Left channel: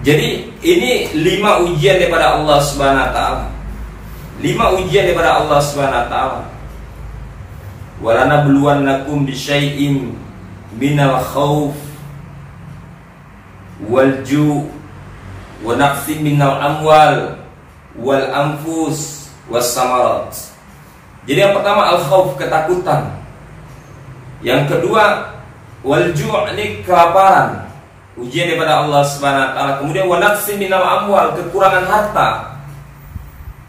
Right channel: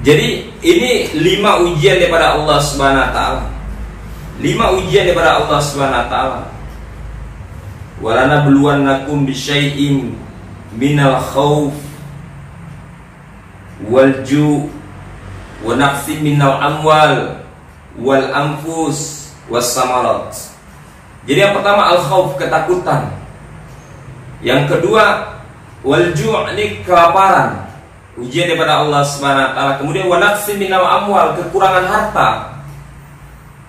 Jadi ini 5 ujian daripada Allah Subhanahu wa taala. 5 ujian daripada Allah Subhanahu wa taala. Walanabluwannakum bisyai'in minal khauf wal ju' wa naqsin minal amwal wal anfus was samarat. Jadi yang pertama al-khauf, ketakutan. Yang kedua wal ju', ini kelaparan, ujian daripada Allah Subhanahu wa taala. Kemudian wa naqsin minal amwal, kekurangan harta.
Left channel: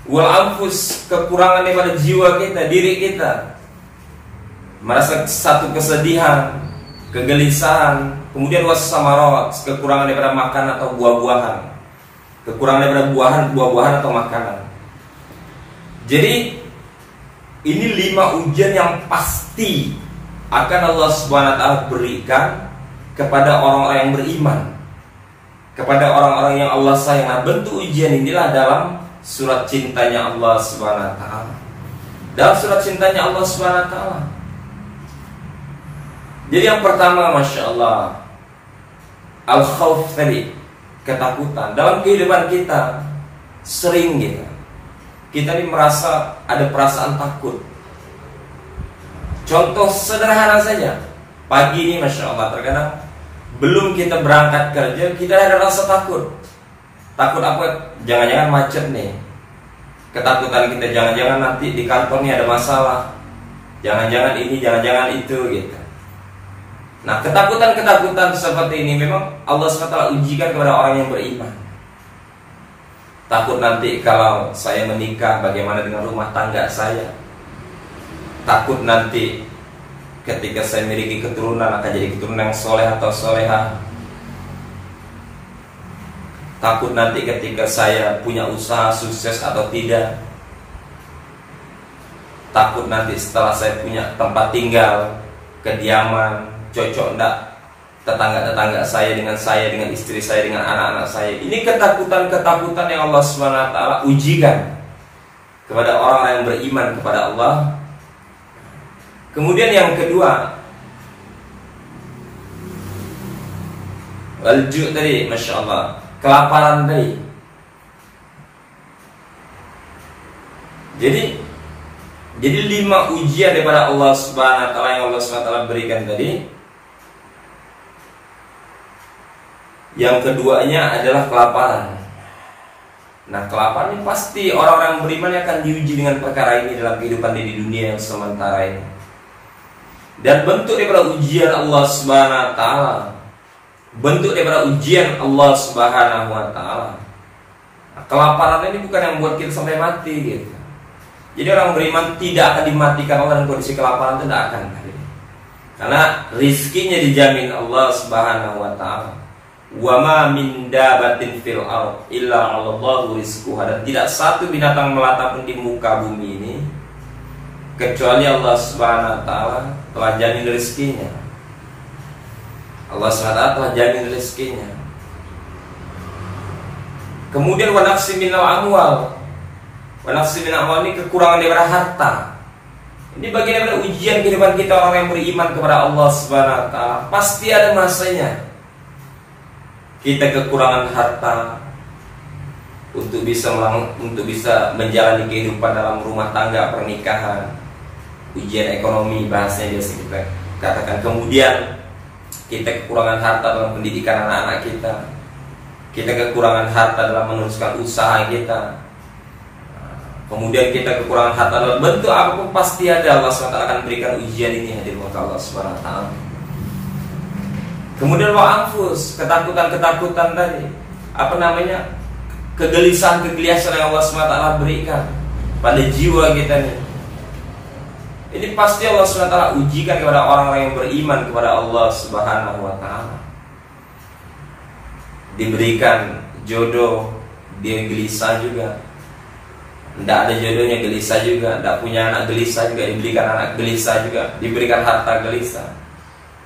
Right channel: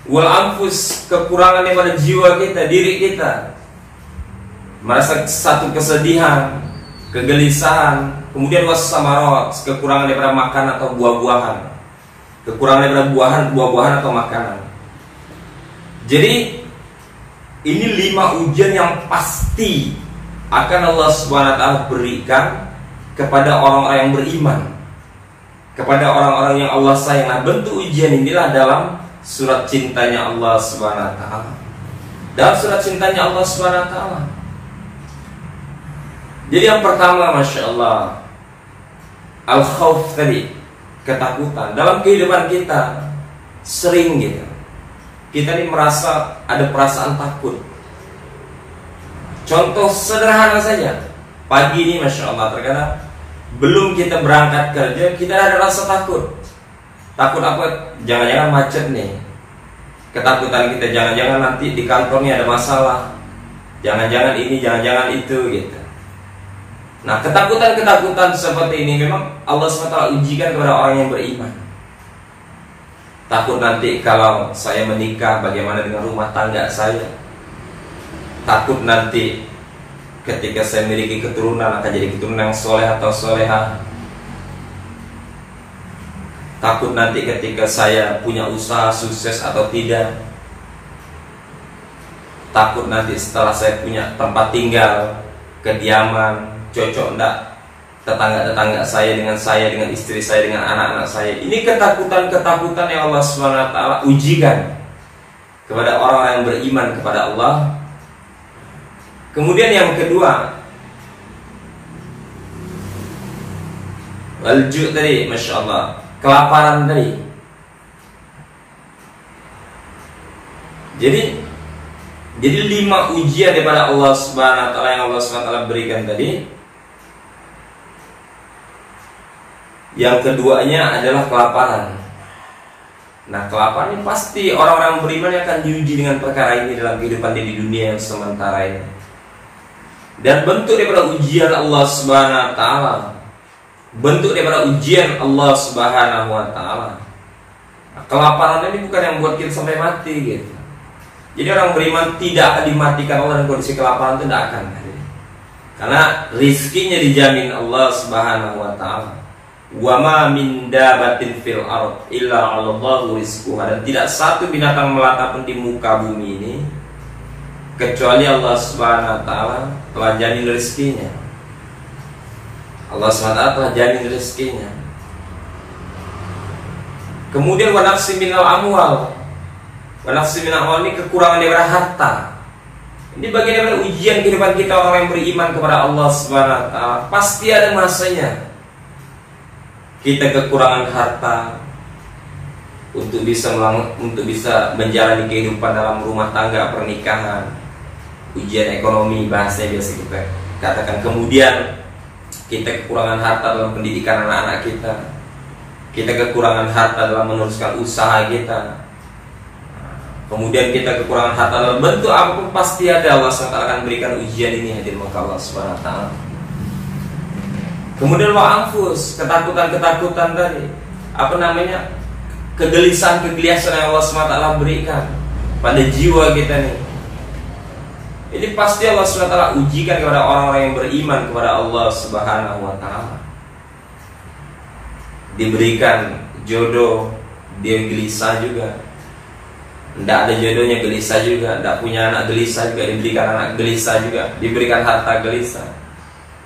Wal anfus, kekurangan daripada jiwa kita, diri kita. Merasa satu kesedihan, kegelisahan. Kemudian was samarat, kekurangan daripada makan atau buah-buahan. Kekurangan daripada buah-buahan atau makanan. Jadi ini 5 ujian yang pasti akan Allah Subhanahu wa taala berikan kepada orang-orang yang beriman, kepada orang-orang yang Allah sayang. Nah, bentuk ujian inilah dalam surat cintanya Allah Subhanahu wa taala. Dalam surat cintanya Allah Subhanahu wa taala. Jadi yang pertama, Masya Allah, al-khawf tadi, ketakutan. Dalam kehidupan kita sering kita ini merasa ada perasaan takut. Contoh sederhana saja, pagi ini Masya Allah, terkadang belum kita berangkat kerja, kita ada rasa takut. Takut apa? Jangan-jangan macet nih. Ketakutan kita, jangan-jangan nanti di kantornya ada masalah, jangan-jangan ini, jangan-jangan itu gitu. Nah, ketakutan-ketakutan seperti ini memang Allah SWT ujikan kepada orang yang beriman. Takut nanti kalau saya menikah, bagaimana dengan rumah tangga saya. Takut nanti ketika saya memiliki keturunan akan jadi keturunan yang soleh atau soleha. Takut nanti ketika saya punya usaha sukses atau tidak. Takut nanti setelah saya punya tempat tinggal, kediaman, cocok enggak tetangga-tetangga saya, dengan istri saya, dengan anak-anak saya. Ini ketakutan-ketakutan yang Allah SWT ujikan kepada orang yang beriman kepada Allah. Kemudian yang kedua, al-ju' tadi, Masya Allah, kelaparan tadi. Jadi 5 ujian daripada Allah Subhanahu wa taala yang Allah Subhanahu wa taala berikan tadi. Yang keduanya adalah kelaparan. Nah, kelaparan ini pasti orang-orang beriman akan diuji dengan perkara ini dalam kehidupan di dunia yang sementara ini. Dan bentuk daripada ujian Allah Subhanahu wa taala, bentuk daripada ujian Allah Subhanahu wa taala, nah, kelaparan ini bukan yang buat kita sampai mati gitu. Jadi orang beriman tidak akan dimatikan Allah dalam kondisi kelaparan, itu tidak akan. Karena rizkinya dijamin Allah Subhanahu wa taala. Wa ma min dabatin fil ard illa 'alallahu rizquha, dan tidak satu binatang melata pun di muka bumi ini kecuali Allah Subhanahu wa taala telah jamin rezekinya. Allah Subhanahu wa taala telah jamin rezekinya. Kemudian wa naqsi minal amwal. Wa naqsi minal amwal ini kekurangan daripada harta. Ini bagian dari ujian kehidupan kita orang yang beriman kepada Allah Subhanahu wa taala. Pasti ada masanya kita kekurangan harta untuk bisa menjalani kehidupan dalam rumah tangga, pernikahan, ujian ekonomi bahasanya biasa kita katakan. Kemudian kita kekurangan harta dalam pendidikan anak-anak kita. Kita kekurangan harta dalam meneruskan usaha kita. Kemudian kita kekurangan harta dalam bentuk apapun, pasti ada Allah SWT akan berikan ujian ini hadir maka Allah Subhanahu wa taala. Kemudian wa anfus, ketakutan-ketakutan tadi, kegelisahan-kegelisahan yang Allah SWT berikan pada jiwa kita nih. Ini pasti Allah SWT ujikan kepada orang-orang yang beriman kepada Allah Subhanahu wa taala. Diberikan jodoh, dia gelisah juga. Tidak ada jodohnya, gelisah juga. Tidak punya anak, gelisah juga. Diberikan anak, gelisah juga. Diberikan harta, gelisah.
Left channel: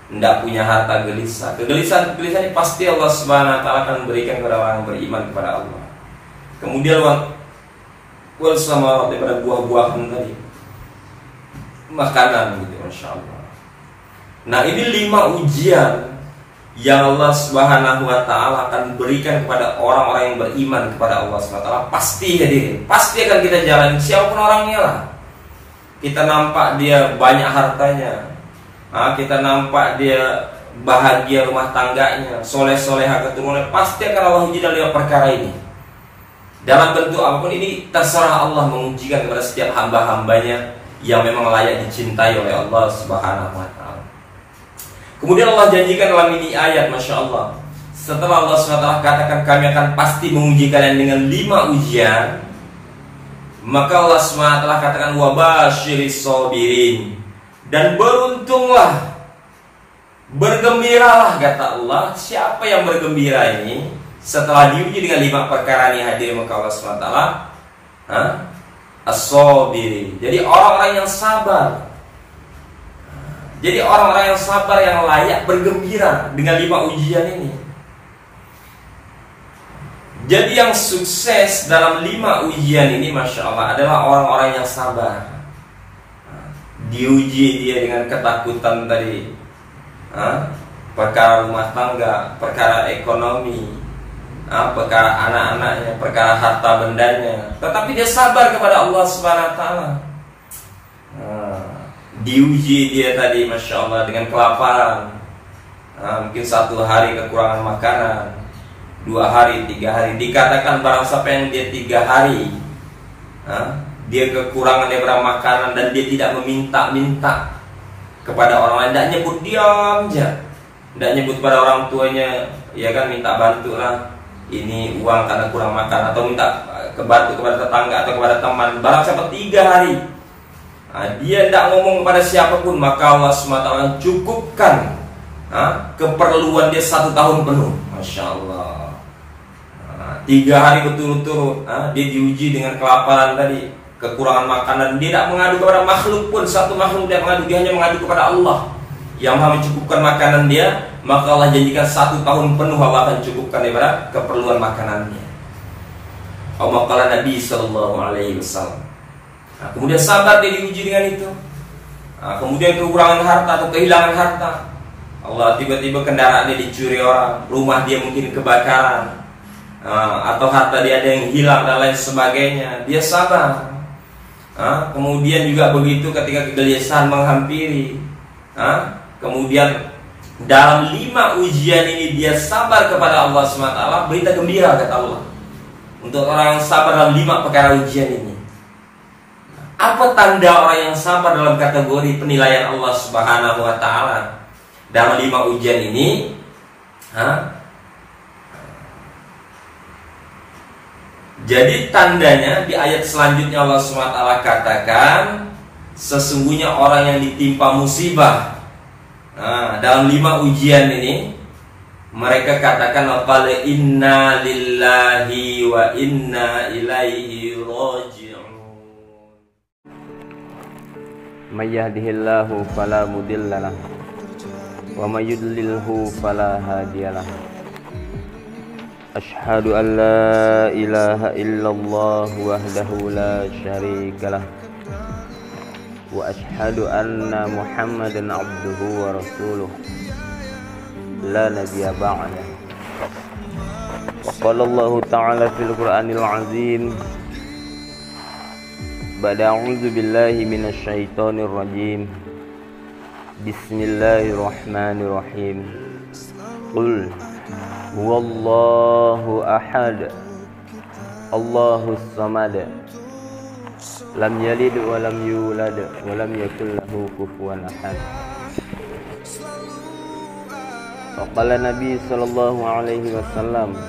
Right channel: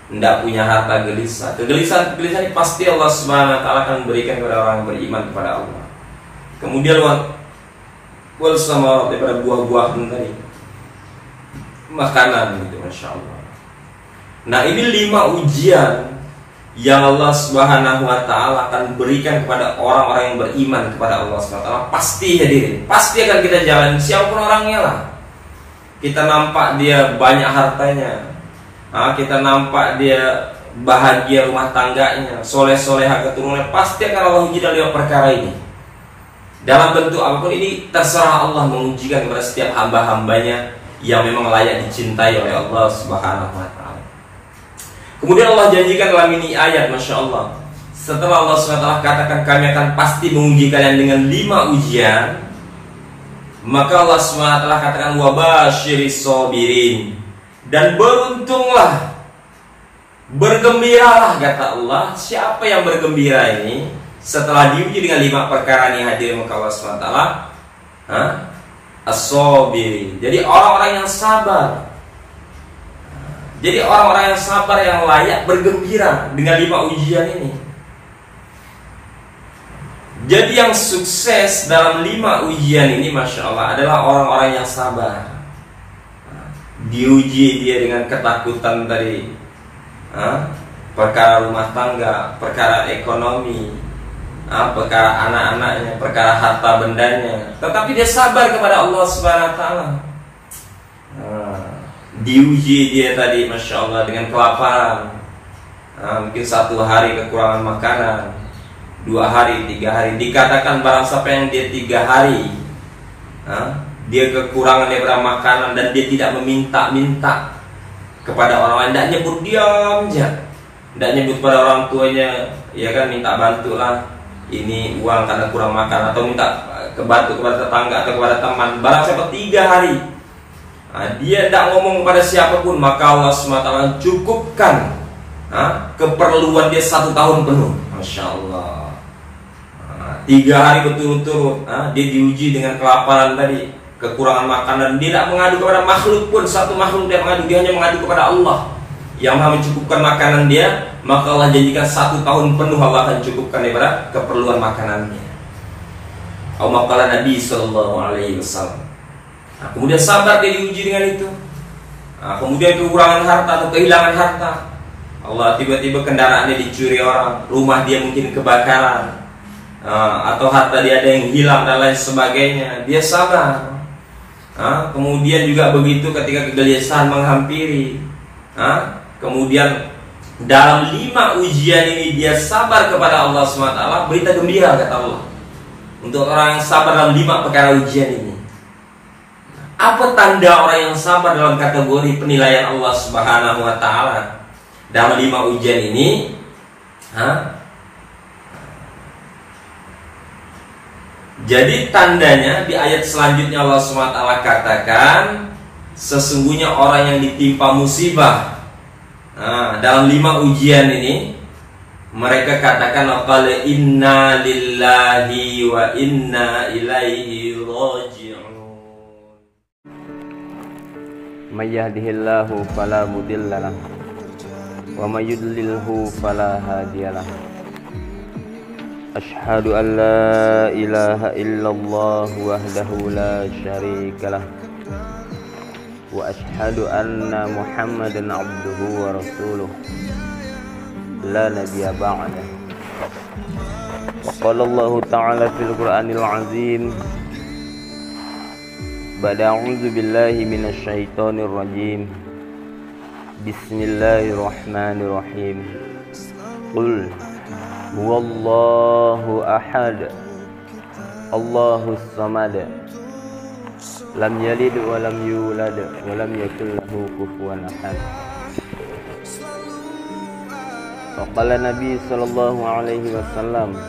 Tidak punya harta, gelisah. Kegelisahan ini pasti Allah Subhanahu wa taala akan memberikan kepada orang yang beriman kepada Allah. Kemudian wal samarat, daripada buah-buahan tadi, makanan gitu, Masya Allah. Nah, ini 5 ujian yang Allah Subhanahu wa taala akan berikan kepada orang-orang yang beriman kepada Allah Subhanahu wa taala, pasti hadirin, pasti akan kita jalani siapapun orangnya lah. Kita nampak dia banyak hartanya, kita nampak dia bahagia rumah tangganya, soleh-soleha keturunan, pasti akan Allah uji dalam perkara ini. Dalam bentuk apapun ini terserah Allah mengujikan kepada setiap hamba-hambanya yang memang layak dicintai oleh Allah Subhanahu wa taala. Kemudian Allah janjikan dalam ini ayat, Masya Allah, setelah Allah SWT katakan kami akan pasti menguji kalian dengan 5 ujian, maka Allah SWT katakan wabashiris sabirin, dan beruntunglah, bergembiralah, kata Allah. Siapa yang bergembira ini setelah diuji dengan 5 perkara ini, hadir maka Allah SWT as-sabirin, jadi orang-orang yang sabar. Jadi orang-orang yang sabar yang layak bergembira dengan 5 ujian ini. Jadi yang sukses dalam 5 ujian ini, Masya Allah, adalah orang-orang yang sabar. Diuji dia dengan ketakutan tadi, perkara rumah tangga, perkara ekonomi, perkara anak-anaknya, perkara harta bendanya, tetapi dia sabar kepada Allah Subhanahu wa taala. Diuji dia tadi, Masya Allah, dengan kelaparan, mungkin 1 hari kekurangan makanan, 2 hari, 3 hari. Dikatakan barang siapa yang dia 3 hari dia kekurangan daripada makanan dan dia tidak meminta-minta kepada orang lain, tidak nyebut, diam aja, tidak nyebut pada orang tuanya, ya kan, minta bantu lah, ini uang karena kurang makan, atau minta bantu kepada tetangga atau kepada teman. Barang siapa 3 hari dia tidak ngomong kepada siapapun, maka Allah SWT cukupkan keperluan dia 1 tahun penuh. Masya Allah. 3 hari berturut-turut dia diuji dengan kelaparan tadi, kekurangan makanan. Dia tidak mengadu kepada makhluk pun, satu makhluk dia mengadu, dia hanya mengadu kepada Allah yang maha mencukupkan makanan dia. Maka Allah janjikan 1 tahun penuh Allah akan cukupkan daripada keperluan makanannya. Maqala Nabi Sallallahu Alaihi Wasallam. Kemudian sabar dia diuji dengan itu. Kemudian kekurangan harta atau kehilangan harta, Allah tiba-tiba kendaraannya dicuri orang, rumah dia mungkin kebakaran, atau harta dia ada yang hilang dan lain sebagainya. Dia sabar. Kemudian juga begitu ketika kegelisahan menghampiri, kemudian dalam 5 ujian ini dia sabar kepada Allah SWT. Berita gembira, kata Allah, untuk orang yang sabar dalam 5 perkara ujian ini. Apa tanda orang yang sabar dalam kategori penilaian Allah Subhanahu wa taala dalam 5 ujian ini? Jadi tandanya di ayat selanjutnya Allah SWT katakan, sesungguhnya orang yang ditimpa musibah dalam 5 ujian ini, mereka katakan qala inna lillahi wa inna ilaihi raji'un. May yahdihillahu fala mudhillalah wa may yudlilhu fala hadiyalah. Asyhadu an la ilaha illallah wahdahu la syarikalah wa asyhadu anna Muhammadan abduhu wa rasuluh la nabiyya ba'dah. Wa qala Allah ta'ala fil Qur'anil 'azim ba'da a'udzu billahi minasy syaithanir rajim. Bismillahirrahmanirrahim. Qul huwallahu ahad, Allahus samad, lam yalid wa lam yulad wa lam yakul lahu kufuwan ahad. Wa qala Nabi sallallahu alaihi wasallam,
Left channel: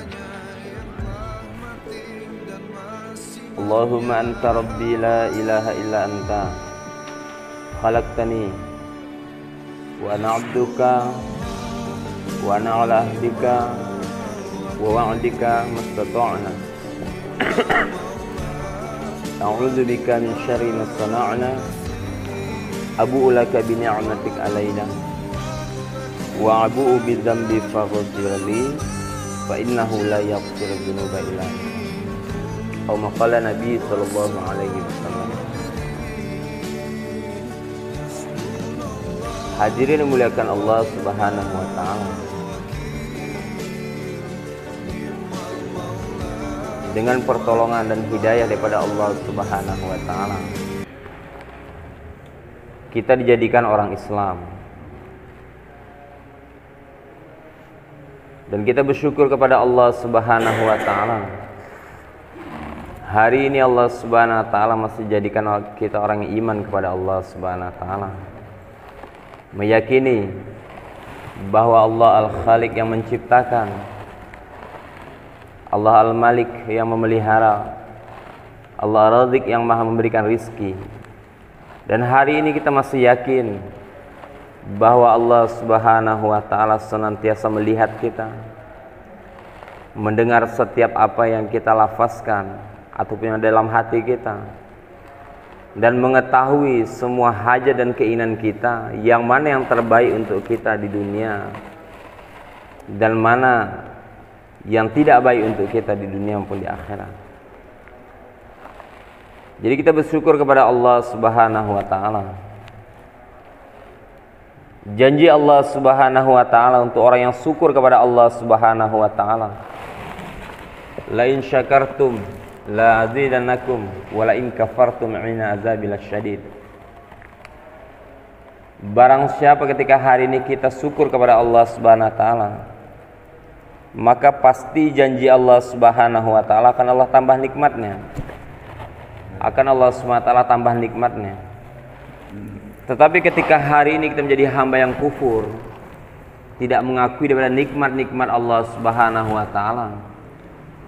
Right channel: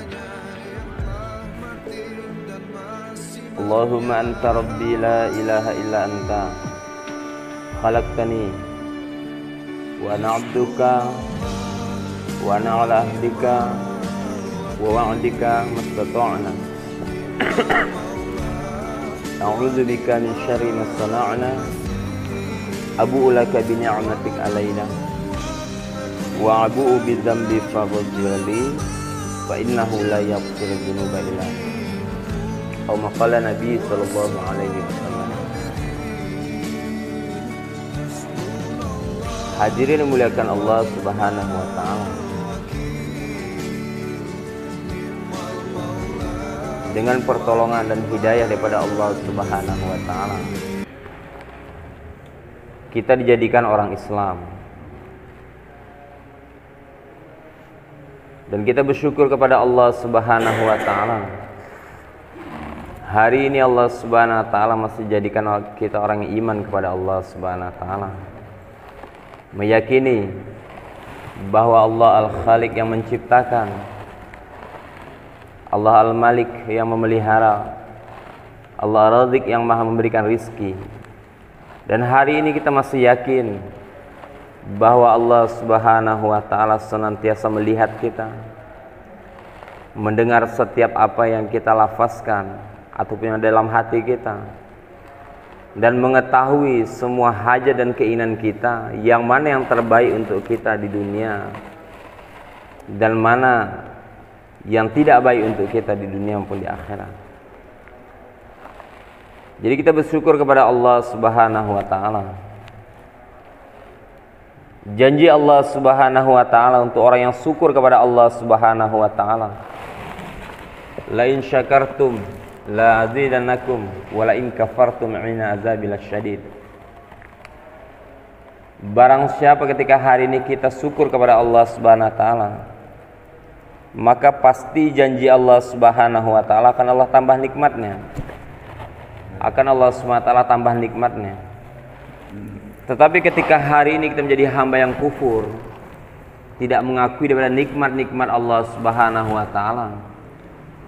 Allahumma anta rabbi la ilaha illa anta khalaqtani wa ana abduka wa ana ala ahdika wa wa'dika mastata'na a'udzu bika min syarri ma sana'na abu'u laka bi ni'matik alaina wa abu'u bi dzambi faghfir li fa innahu la yaghfiru dzunuba illa anta. Maqala Nabi sallallahu alaihi wasallam. Hadirin yang muliakan Allah Subhanahu wa taala. dengan pertolongan dan hidayah daripada Allah Subhanahu wa taala, kita dijadikan orang Islam. Dan kita bersyukur kepada Allah Subhanahu wa taala. Hari ini Allah Subhanahu wa taala masih jadikan kita orang yang iman kepada Allah Subhanahu wa taala. Meyakini bahwa Allah Al-Khaliq yang menciptakan, Allah Al-Malik yang memelihara, Allah Ar-Razik yang maha memberikan rizki. Dan hari ini kita masih yakin bahwa Allah Subhanahu wa taala senantiasa melihat kita, mendengar setiap apa yang kita lafazkan ataupun yang dalam hati kita, dan mengetahui semua hajat dan keinginan kita, yang mana yang terbaik untuk kita di dunia dan mana yang tidak baik untuk kita di dunia maupun di akhirat. Jadi kita bersyukur kepada Allah Subhanahu wa taala. Janji Allah Subhanahu wa taala untuk orang yang syukur kepada Allah Subhanahu wa taala. La in syakartum la azidannakum wa la in kafartum inna azabi lasyadid. Barang siapa ketika hari ini kita syukur kepada Allah Subhanahu wa taala, maka pasti janji Allah Subhanahu wa taala akan Allah tambah nikmatnya. Akan Allah Subhanahu wa taala tambah nikmatnya. Tetapi ketika hari ini kita menjadi hamba yang kufur, tidak mengakui daripada nikmat-nikmat Allah Subhanahu wa taala,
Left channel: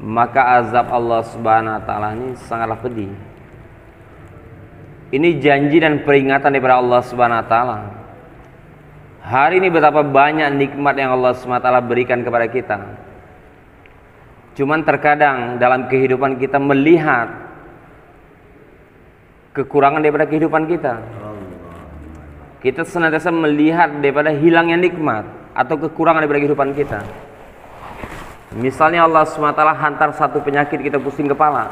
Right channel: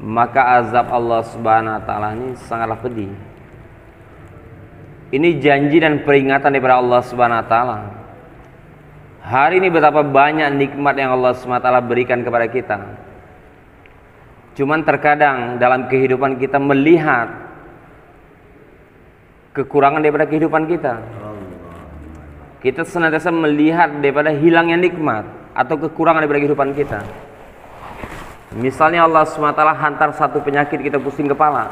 maka azab Allah Subhanahu wa taala ini sangatlah pedih. Ini janji dan peringatan daripada Allah Subhanahu wa taala. Hari ini betapa banyak nikmat yang Allah Subhanahu wa taala berikan kepada kita. Cuman terkadang dalam kehidupan kita melihat kekurangan daripada kehidupan kita. Kita senantiasa melihat daripada hilangnya nikmat atau kekurangan daripada kehidupan kita. Misalnya Allah SWT hantar satu penyakit, kita pusing kepala,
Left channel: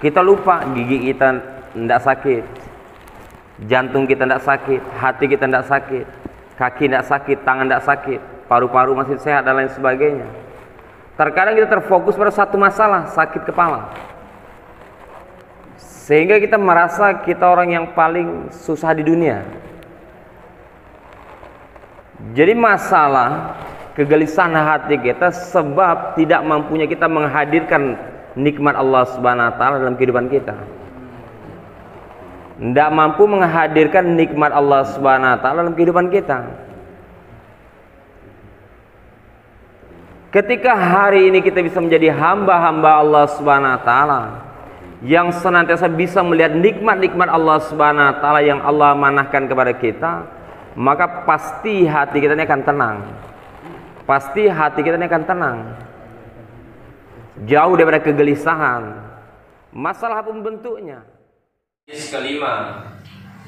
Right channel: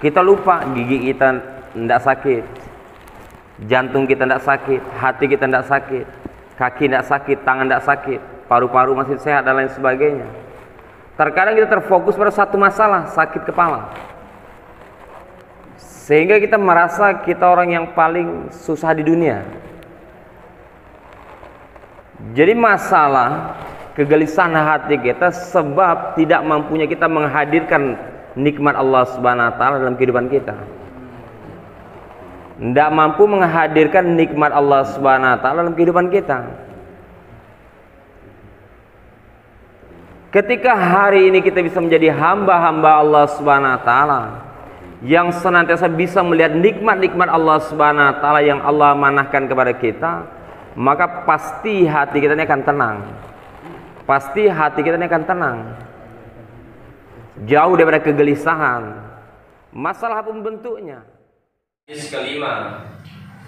kita lupa gigi kita tidak sakit, jantung kita tidak sakit, hati kita tidak sakit, kaki tidak sakit, tangan tidak sakit, paru-paru masih sehat dan lain sebagainya. Terkadang kita terfokus pada satu masalah, sakit kepala, sehingga kita merasa kita orang yang paling susah di dunia. Jadi masalah kegelisahan hati kita sebab tidak mampunya kita menghadirkan nikmat Allah Subhanahu wa taala dalam kehidupan kita. Tidak mampu menghadirkan nikmat Allah Subhanahu wa taala dalam kehidupan kita. Ketika hari ini kita bisa menjadi hamba-hamba Allah Subhanahu wa taala yang senantiasa bisa melihat nikmat-nikmat Allah Subhanahu wa taala yang Allah amanahkan kepada kita, maka pasti hati kita ini akan tenang. Pasti hati kita ini akan tenang. Jauh daripada kegelisahan. Masalah apapun bentuknya. Hadis kelima,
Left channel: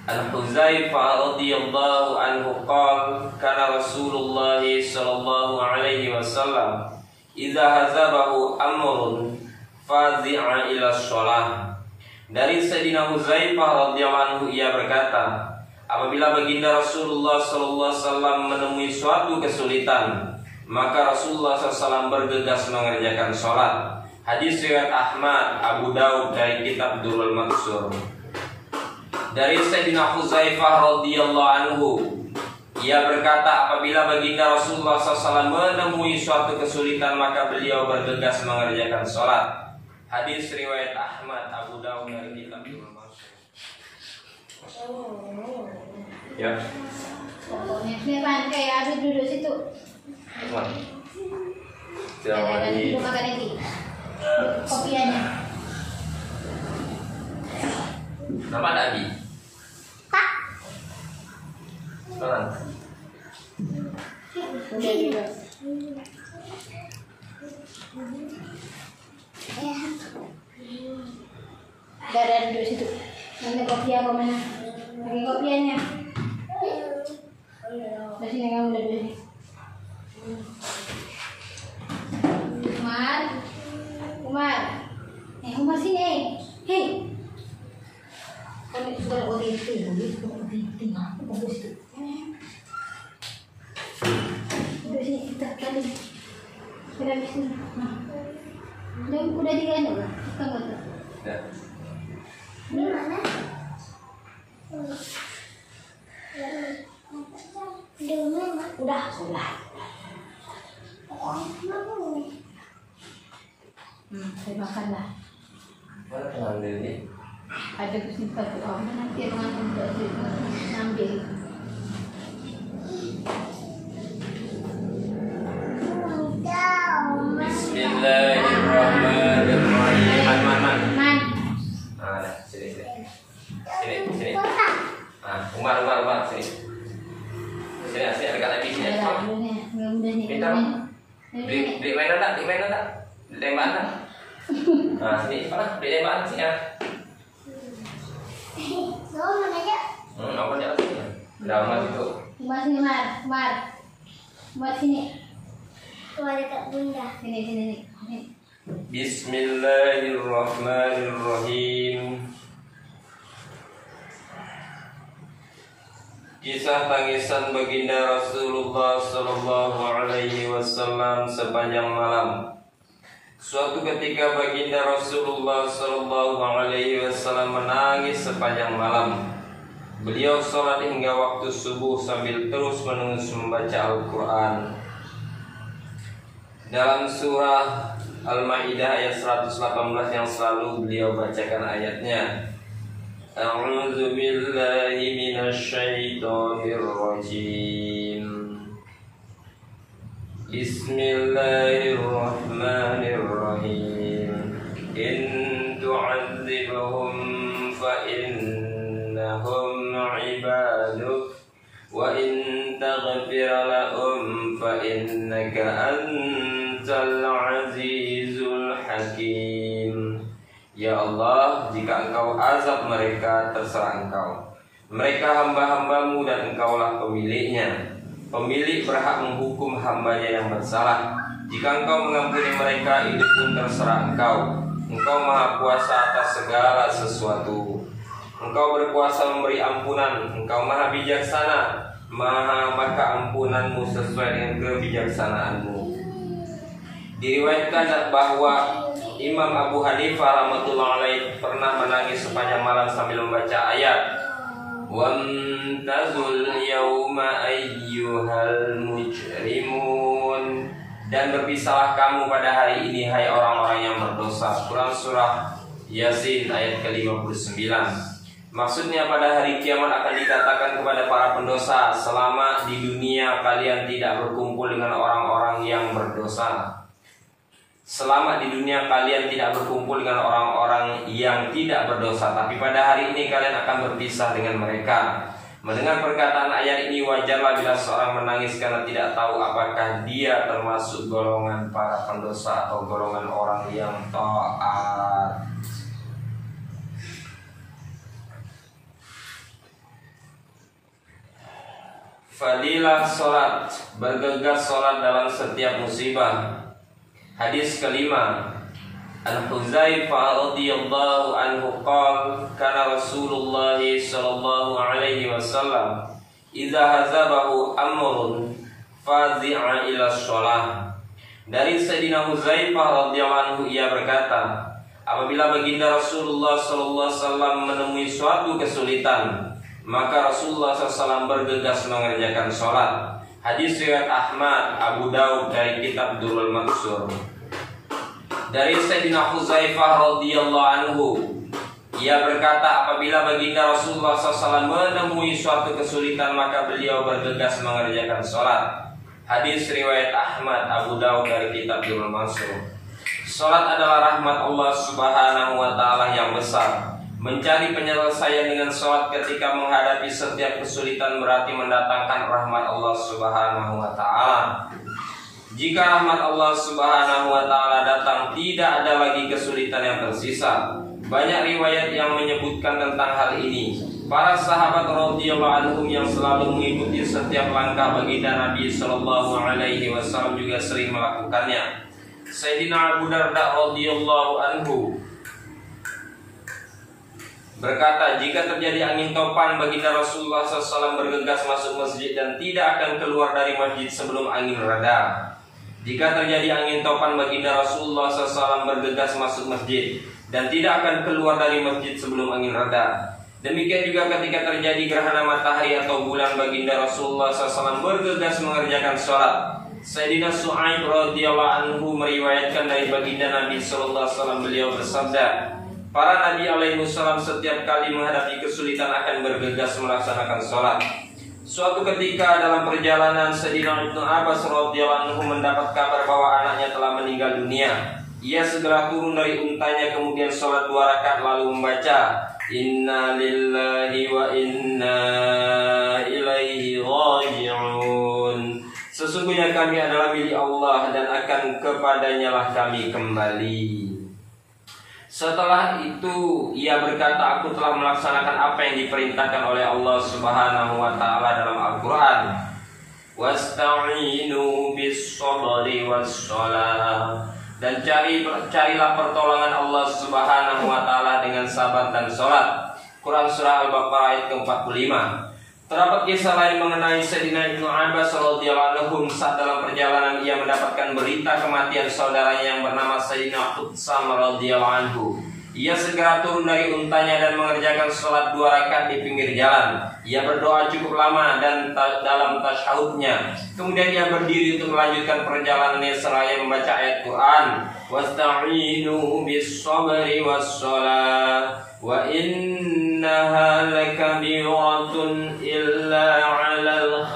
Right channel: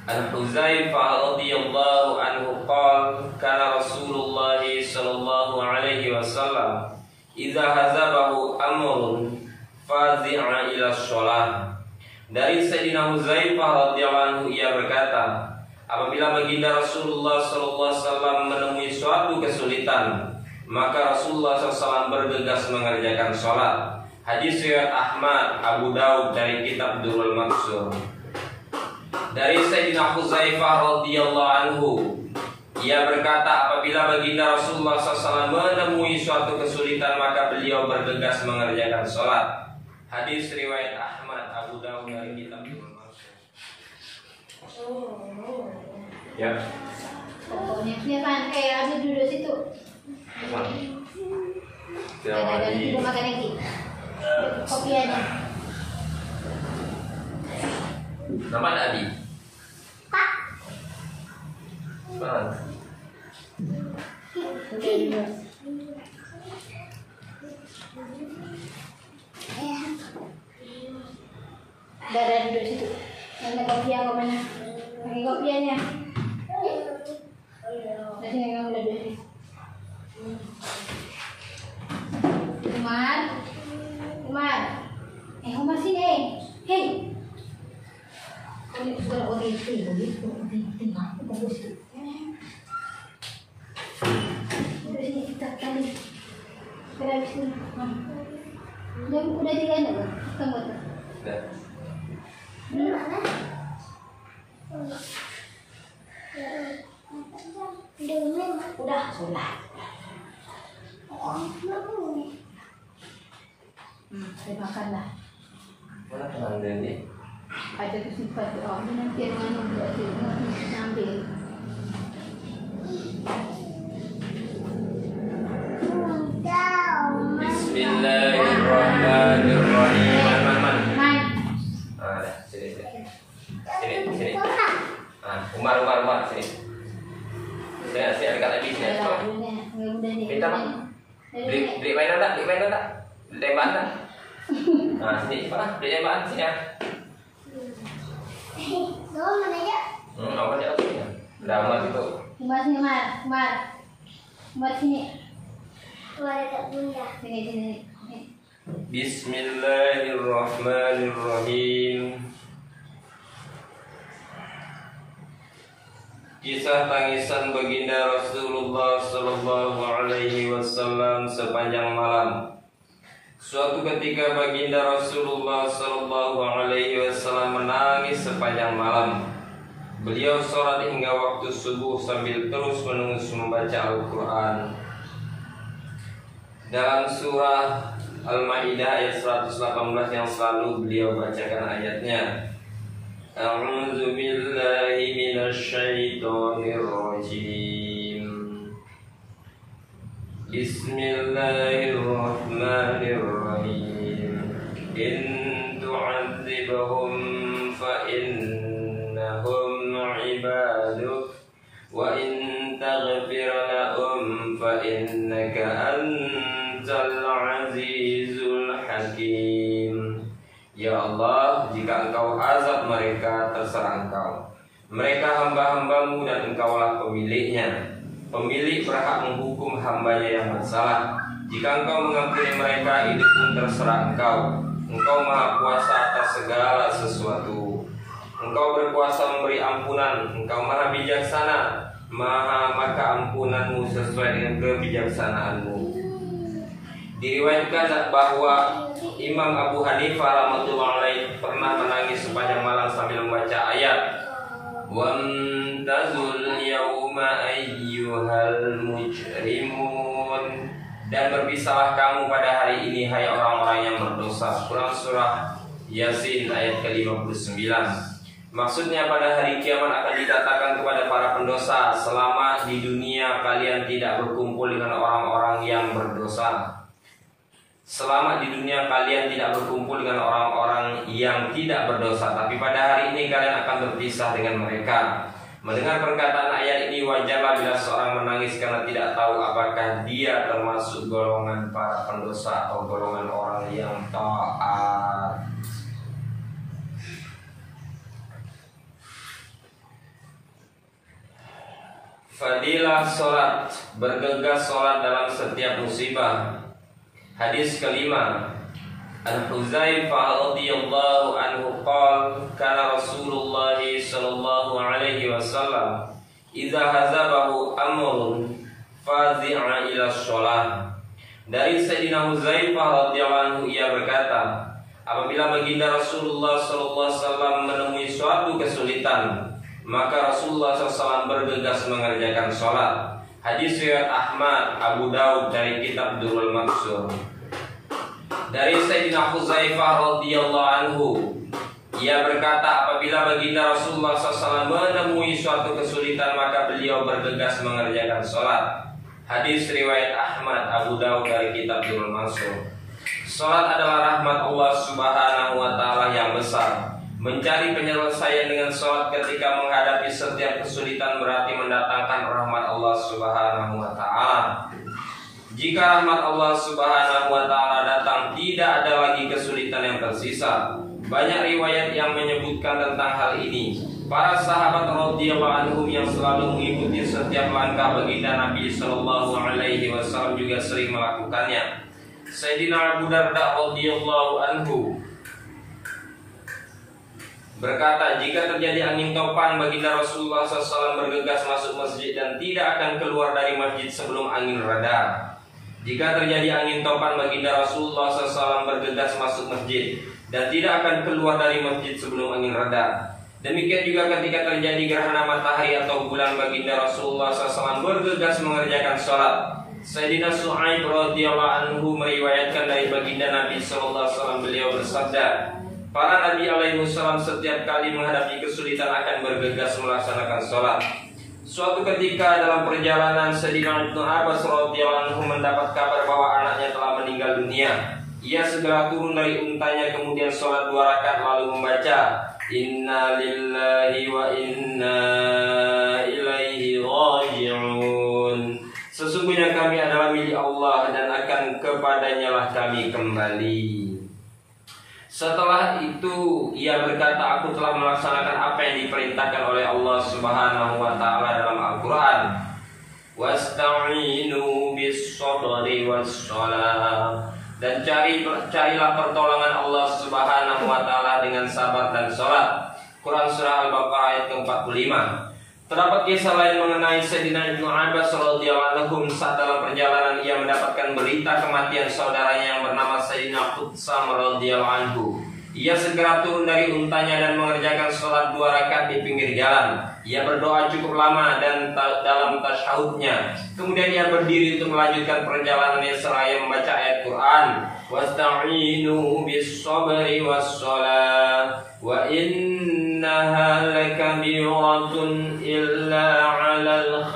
An Hudzaifah radhiyallahu anhu qala kana Rasulullah sallallahu alaihi wasallam idza hazabahu amrun fazi'a ila sholat. Dari Sayyidina Hudzaifah radhiyallahu anhu, ia berkata, apabila baginda Rasulullah sallallahu alaihi wasallam menemui suatu kesulitan, maka Rasulullah SAW bergegas mengerjakan sholat. Hadis riwayat Ahmad, Abu Daud dari kitab Durrul Mansur. Dari Sayyidina Hudzaifah radhiyallahu anhu, ia berkata, apabila baginda Rasulullah SAW menemui suatu kesulitan, maka beliau bergegas mengerjakan sholat. Hadis riwayat Ahmad, Abu Daud dari kitab Durrul Mansur. Ya. Ini kan kayak ada duduk situ. Jangan di makan lagi. Kopiannya. Nama Abi. Kak. Sekarang. Udah dulu. Ada duduk situ. Mana kopian ke mana? Pakai kopiannya. Di sini kamu udah duduk. Umar, Umar sini, hei. Kau sudah bagus itu. Udah sini kita tadi. Sudah di sini. Udah diganda kan? Tunggu tuh. Udah. Gimana? Udah, sudah. Saya makan lah. Mana pengambil ini? Ada kesimpan tuh, nanti ngambil. Bismillahirrahmanirrahim. Man. Man. Ada, sini. Umar, sini. Sini, dekat lagi sini. Minta bang. Beli mainan tak? Beli tembakan tak? Nah, sini mana? Beli tembakan sini ya. Apa dia sini? Udah amat itu. Umar sini, Umar sini. Sini. Bismillahirrahmanirrahim. Kisah tangisan baginda Rasulullah Sallallahu Alaihi Wasallam sepanjang malam. Suatu ketika baginda Rasulullah Sallallahu Alaihi Wasallam menangis sepanjang malam. Beliau sholat hingga waktu subuh sambil terus menerus membaca Al-Quran. Dalam surah Al-Maidah ayat 118 yang selalu beliau bacakan ayatnya. A'udzu billahi minasyaitonir rajim. Bismillahirrahmanirrahim. In tu'adzibhum fa innahum 'ibaduk wa in taghfir lahum fa innaka antal 'azizul hakim. Ya Allah, jika engkau azab mereka, terserah engkau. Mereka hamba-hambamu dan engkaulah pemiliknya. Pemilik berhak menghukum hambanya yang bersalah. Jika engkau mengampuni mereka, itu pun terserah engkau. Engkau maha kuasa atas segala sesuatu. Engkau berkuasa memberi ampunan. Engkau maha bijaksana. Maka ampunanmu sesuai dengan kebijaksanaanmu. Diriwayatkan bahwa Imam Abu Hanifah rahmatullah alaih pernah menangis sepanjang malam sambil membaca ayat Wamtazul yawma ayyuhal mujrimun, dan berpisahlah kamu pada hari ini hai orang-orang yang berdosa. Quran surah Yasin ayat ke-59. Maksudnya pada hari kiamat akan dikatakan kepada para pendosa, selama di dunia kalian tidak berkumpul dengan orang-orang yang berdosa. Selama di dunia kalian tidak berkumpul dengan orang-orang yang tidak berdosa, tapi pada hari ini kalian akan berpisah dengan mereka. Mendengar perkataan ayat ini, wajarlah bila seorang menangis karena tidak tahu apakah dia termasuk golongan para pendosa atau golongan orang yang taat. Fadilah sholat, bergegas sholat dalam setiap musibah. Hadis kelima, Al-Huzaifah radhiyallahu anhu qala kana Rasulullah sallallahu alaihi wasallam idza hazabahu amrun fazi'a ila shalah. Dari Sayyidina Huzaifah radhiyallahu anhu, ia berkata, apabila baginda Rasulullah sallallahu alaihi wasallam menemui suatu kesulitan, maka Rasulullah SAW bergegas mengerjakan sholat. Hadis riwayat Ahmad, Abu Daud dari kitab Durrul Mansur. Dari Sayyidina Huzaifah radhiyallahu anhu, ia berkata, apabila baginda Rasulullah SAW menemui suatu kesulitan, maka beliau bergegas mengerjakan sholat. Hadis riwayat Ahmad, Abu Daud dari kitab Durrul Mansur. Sholat adalah rahmat Allah Subhanahu wa Ta'ala yang besar. Mencari penyelesaian dengan sholat ketika menghadapi setiap kesulitan berarti mendatangkan rahmat Allah Subhanahu wa Ta'ala. Jika rahmat Allah Subhanahu wa Ta'ala datang, tidak ada lagi kesulitan yang tersisa. Banyak riwayat yang menyebutkan tentang hal ini. Para sahabat radhiyallahu anhum yang selalu mengikuti setiap langkah baginda Nabi sallallahu alaihi wasallam juga sering melakukannya. Sayyidina Abu Darda radhiyallahu anhu berkata, jika terjadi angin topan, baginda Rasulullah SAW bergegas masuk masjid dan tidak akan keluar dari masjid sebelum angin reda. Jika terjadi angin topan, baginda Rasulullah SAW bergegas masuk masjid dan tidak akan keluar dari masjid sebelum angin reda. Demikian juga ketika terjadi gerhana matahari atau bulan, baginda Rasulullah SAW bergegas mengerjakan sholat. Sayyidina Su'aib radhiyallahu anhu meriwayatkan dari baginda Nabi SAW, beliau bersabda, para Nabi alaihissalam setiap kali menghadapi kesulitan akan bergegas melaksanakan sholat. Suatu ketika dalam perjalanan, Sayyidina Ibnu Abbas radhiyallahu anhu mendapat kabar bahwa anaknya telah meninggal dunia. Ia segera turun dari untanya kemudian sholat 2 rakaat lalu membaca Inna lillahi wa inna ilaihi raji'un. Sesungguhnya kami adalah milik Allah dan akan kepadanya lah kami kembali. Setelah itu ia berkata, aku telah melaksanakan apa yang diperintahkan oleh Allah Subhanahu wa taala dalam Al-Qur'an. Wasta'inu bis-sabri was-shalah. Dan carilah pertolongan Allah Subhanahu wa taala dengan sabar dan salat. Quran surah Al-Baqarah ayat ke-45. Terdapat kisah lain mengenai Sayyidina Ibnu Abbas radhiyallahu anhu saat dalam perjalanan ia mendapatkan berita kematian saudaranya yang bernama Sayyidina Qutsam radhiyallahu anhu. Ia segera turun dari untanya dan mengerjakan sholat 2 rakaat di pinggir jalan. Ia berdoa cukup lama dan dalam tasyahudnya. Kemudian ia berdiri untuk melanjutkan perjalanannya seraya membaca ayat Quran. Wasta'inu bis-sabri was-shalah wa innaha lakabiratun illa 'alal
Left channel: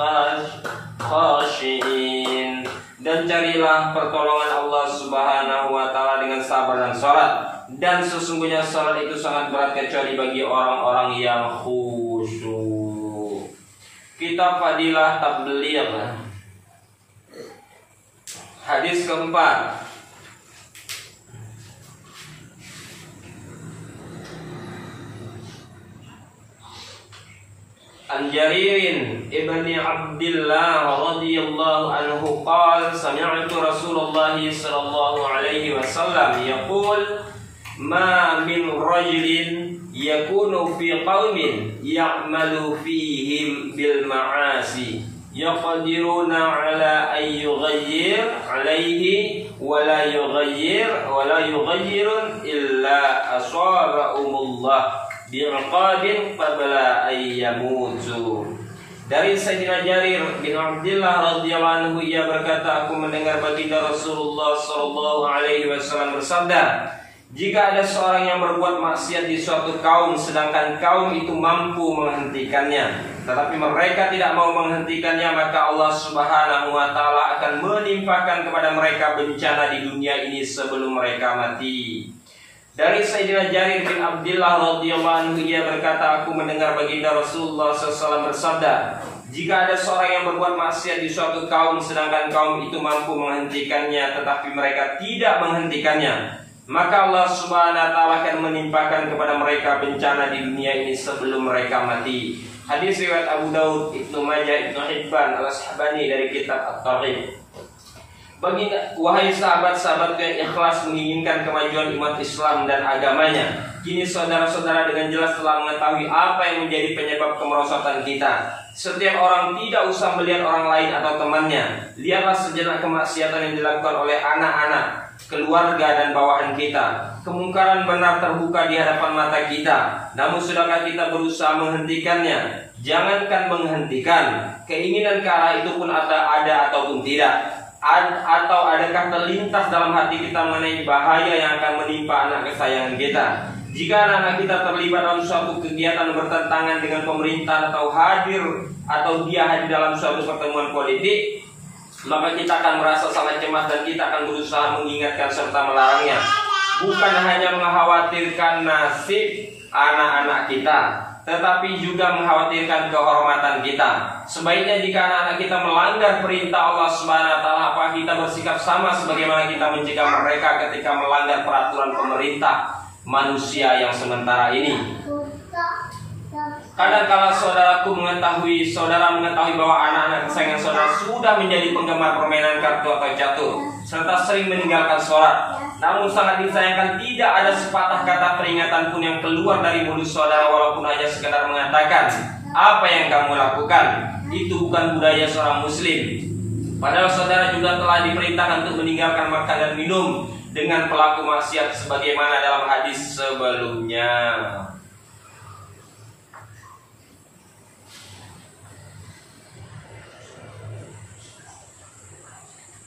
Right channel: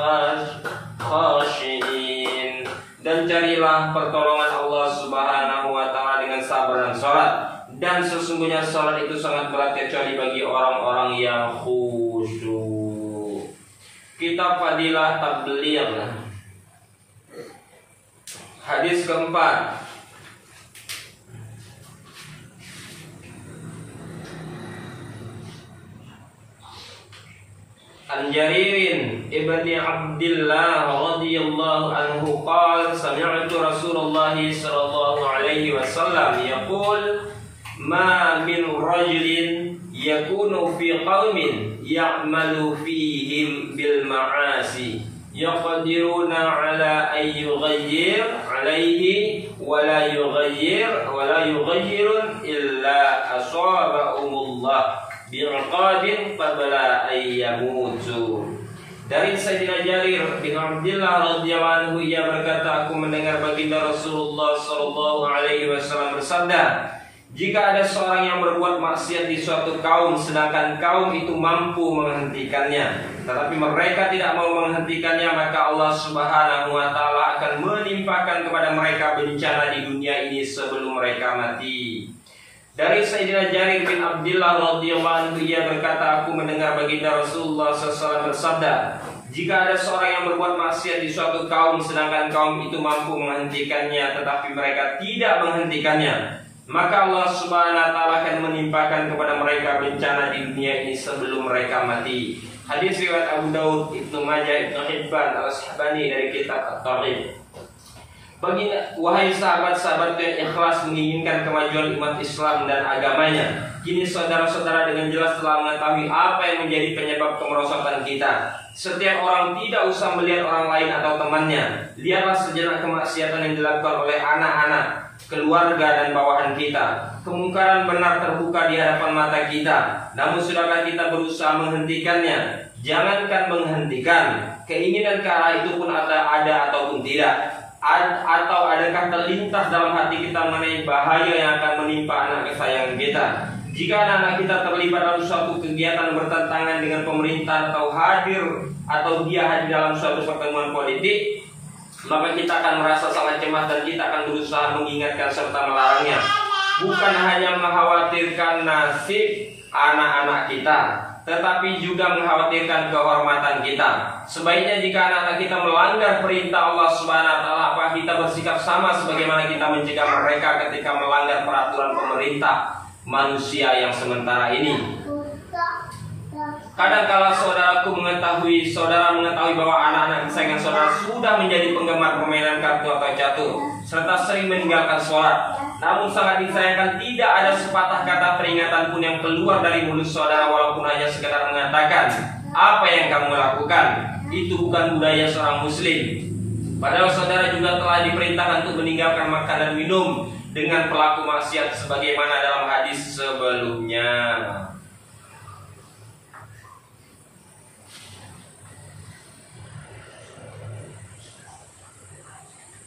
khashiin. Dan carilah pertolongan Allah Subhanahu wa taala dengan sabar dan salat. Dan sesungguhnya salat itu sangat berat kecuali bagi orang-orang yang khusyuk. Kitab Fadilah Tabligh. Hadis keempat. An Jaririn ibni Abdillah radhiyallahu anhu qala sami'tu Rasulullah sallallahu alaihi wasallam yaqul ma min rajulin yakunu fi qaumin ya'malu fihim bil ma'asi yaqdiruna ala an yughayyir alaihi wa la yughayyirun illa asabahumullah bi'aqabin qabla an yamutu. Dari Sayyidina Jarir bin Abdillah radhiyallahu anhu ia berkata, aku mendengar baginda Rasulullah sallallahu alaihi wasallam bersabda, jika ada seorang yang berbuat maksiat di suatu kaum sedangkan kaum itu mampu menghentikannya, tetapi mereka tidak mau menghentikannya, maka Allah Subhanahu wa taala akan menimpakan kepada mereka bencana di dunia ini sebelum mereka mati. Dari Sayyidina Jarir bin Abdillah radhiyallahu anhu ia berkata, aku mendengar baginda Rasulullah SAW bersabda, jika ada seorang yang berbuat maksiat di suatu kaum sedangkan kaum itu mampu menghentikannya tetapi mereka tidak menghentikannya, maka Allah Subhanahu wa taala akan menimpakan kepada mereka bencana di dunia ini sebelum mereka mati. Hadis riwayat Abu Daud, Ibnu Majah, Ibnu Hibban, Al-Ashabani dari kitab At-Tarikh. Wahai sahabat-sahabatku yang ikhlas menginginkan kemajuan umat Islam dan agamanya, kini saudara-saudara dengan jelas telah mengetahui apa yang menjadi penyebab kemerosotan kita. Setiap orang tidak usah melihat orang lain atau temannya. Lihatlah sejenak kemaksiatan yang dilakukan oleh anak-anak, keluarga dan bawahan kita. Kemungkaran benar terbuka di hadapan mata kita. Namun sudahkah kita berusaha menghentikannya? Jangankan menghentikan, keinginan ke arah itu pun ada ataupun tidak. Atau adakah terlintas dalam hati kita mengenai bahaya yang akan menimpa anak kesayangan kita? Jika anak-anak kita terlibat dalam suatu kegiatan bertentangan dengan pemerintah atau dia hadir dalam suatu pertemuan politik, maka kita akan merasa sangat cemas dan kita akan berusaha mengingatkan serta melarangnya. Bukan hanya mengkhawatirkan nasib anak-anak kita, tetapi juga mengkhawatirkan kehormatan kita. Sebaiknya jika anak-anak kita melanggar perintah Allah Subhanahu wa taala, apa kita bersikap sama sebagaimana kita mencegah mereka ketika melanggar peraturan pemerintah manusia yang sementara ini. Kadang-kala saudara mengetahui bahwa anak-anak kesayangan saudara sudah menjadi penggemar permainan kartu atau catur serta sering meninggalkan sholat. Namun sangat disayangkan tidak ada sepatah kata peringatan pun yang keluar dari mulut saudara, walaupun hanya sekedar mengatakan, apa yang kamu lakukan itu bukan budaya seorang muslim. Padahal saudara juga telah diperintahkan untuk meninggalkan makan dan minum dengan pelaku maksiat sebagaimana dalam hadis sebelumnya.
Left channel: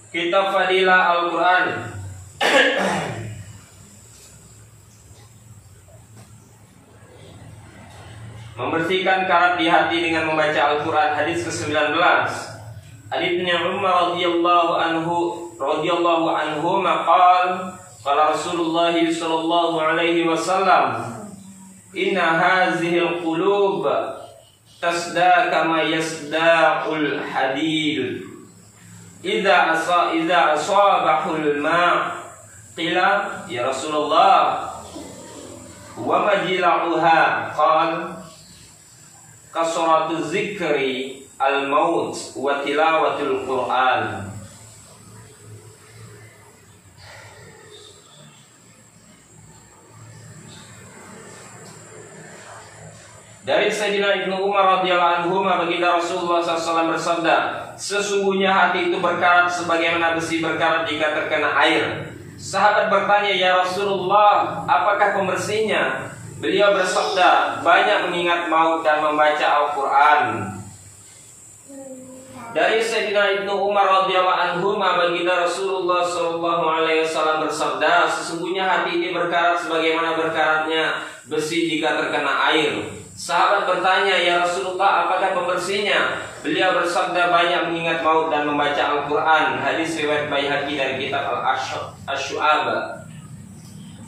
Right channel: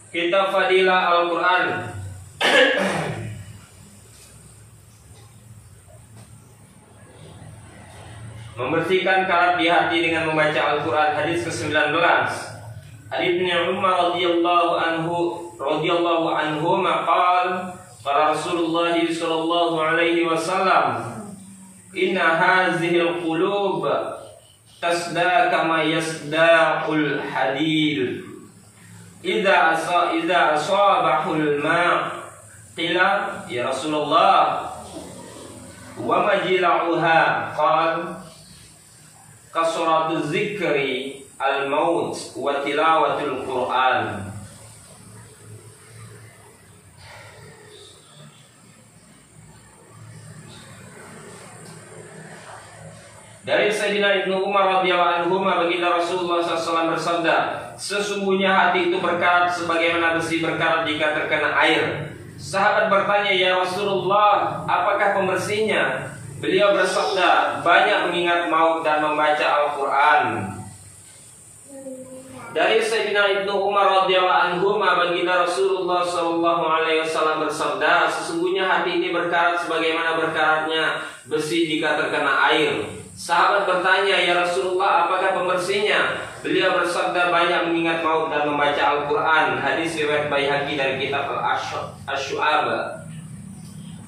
Kitab Fadilah Al-Quran. Membersihkan karat di hati dengan membaca Al-Quran. Hadis ke-19. Ali bin Umar radhiyallahu anhu maqal qala Rasulullah sallallahu alaihi wasallam inna hadhil qulub tasda kama yasda'ul hadid idza asabahul ma' qila ya Rasulullah wa majla'uha qala kasratu zikri al-maut wa tilawatul Quran. Dari Sayyidina Ibnu Umar radhiyallahu anhu, baginda Rasulullah SAW bersabda, sesungguhnya hati itu berkarat sebagaimana besi berkarat jika terkena air. Sahabat bertanya, ya Rasulullah, apakah pembersihnya? Beliau bersabda, banyak mengingat maut dan membaca Al-Quran. Dari Sayyidina Ibnu Umar radhiyallahu anhu, baginda Rasulullah SAW bersabda, sesungguhnya hati ini berkarat sebagaimana berkaratnya besi jika terkena air. Sahabat bertanya, ya Rasulullah, apakah pembersihnya? Beliau bersabda, banyak mengingat maut dan membaca Al-Quran. Hadis riwayat Baihaqi dari kitab Al-Syu'ab.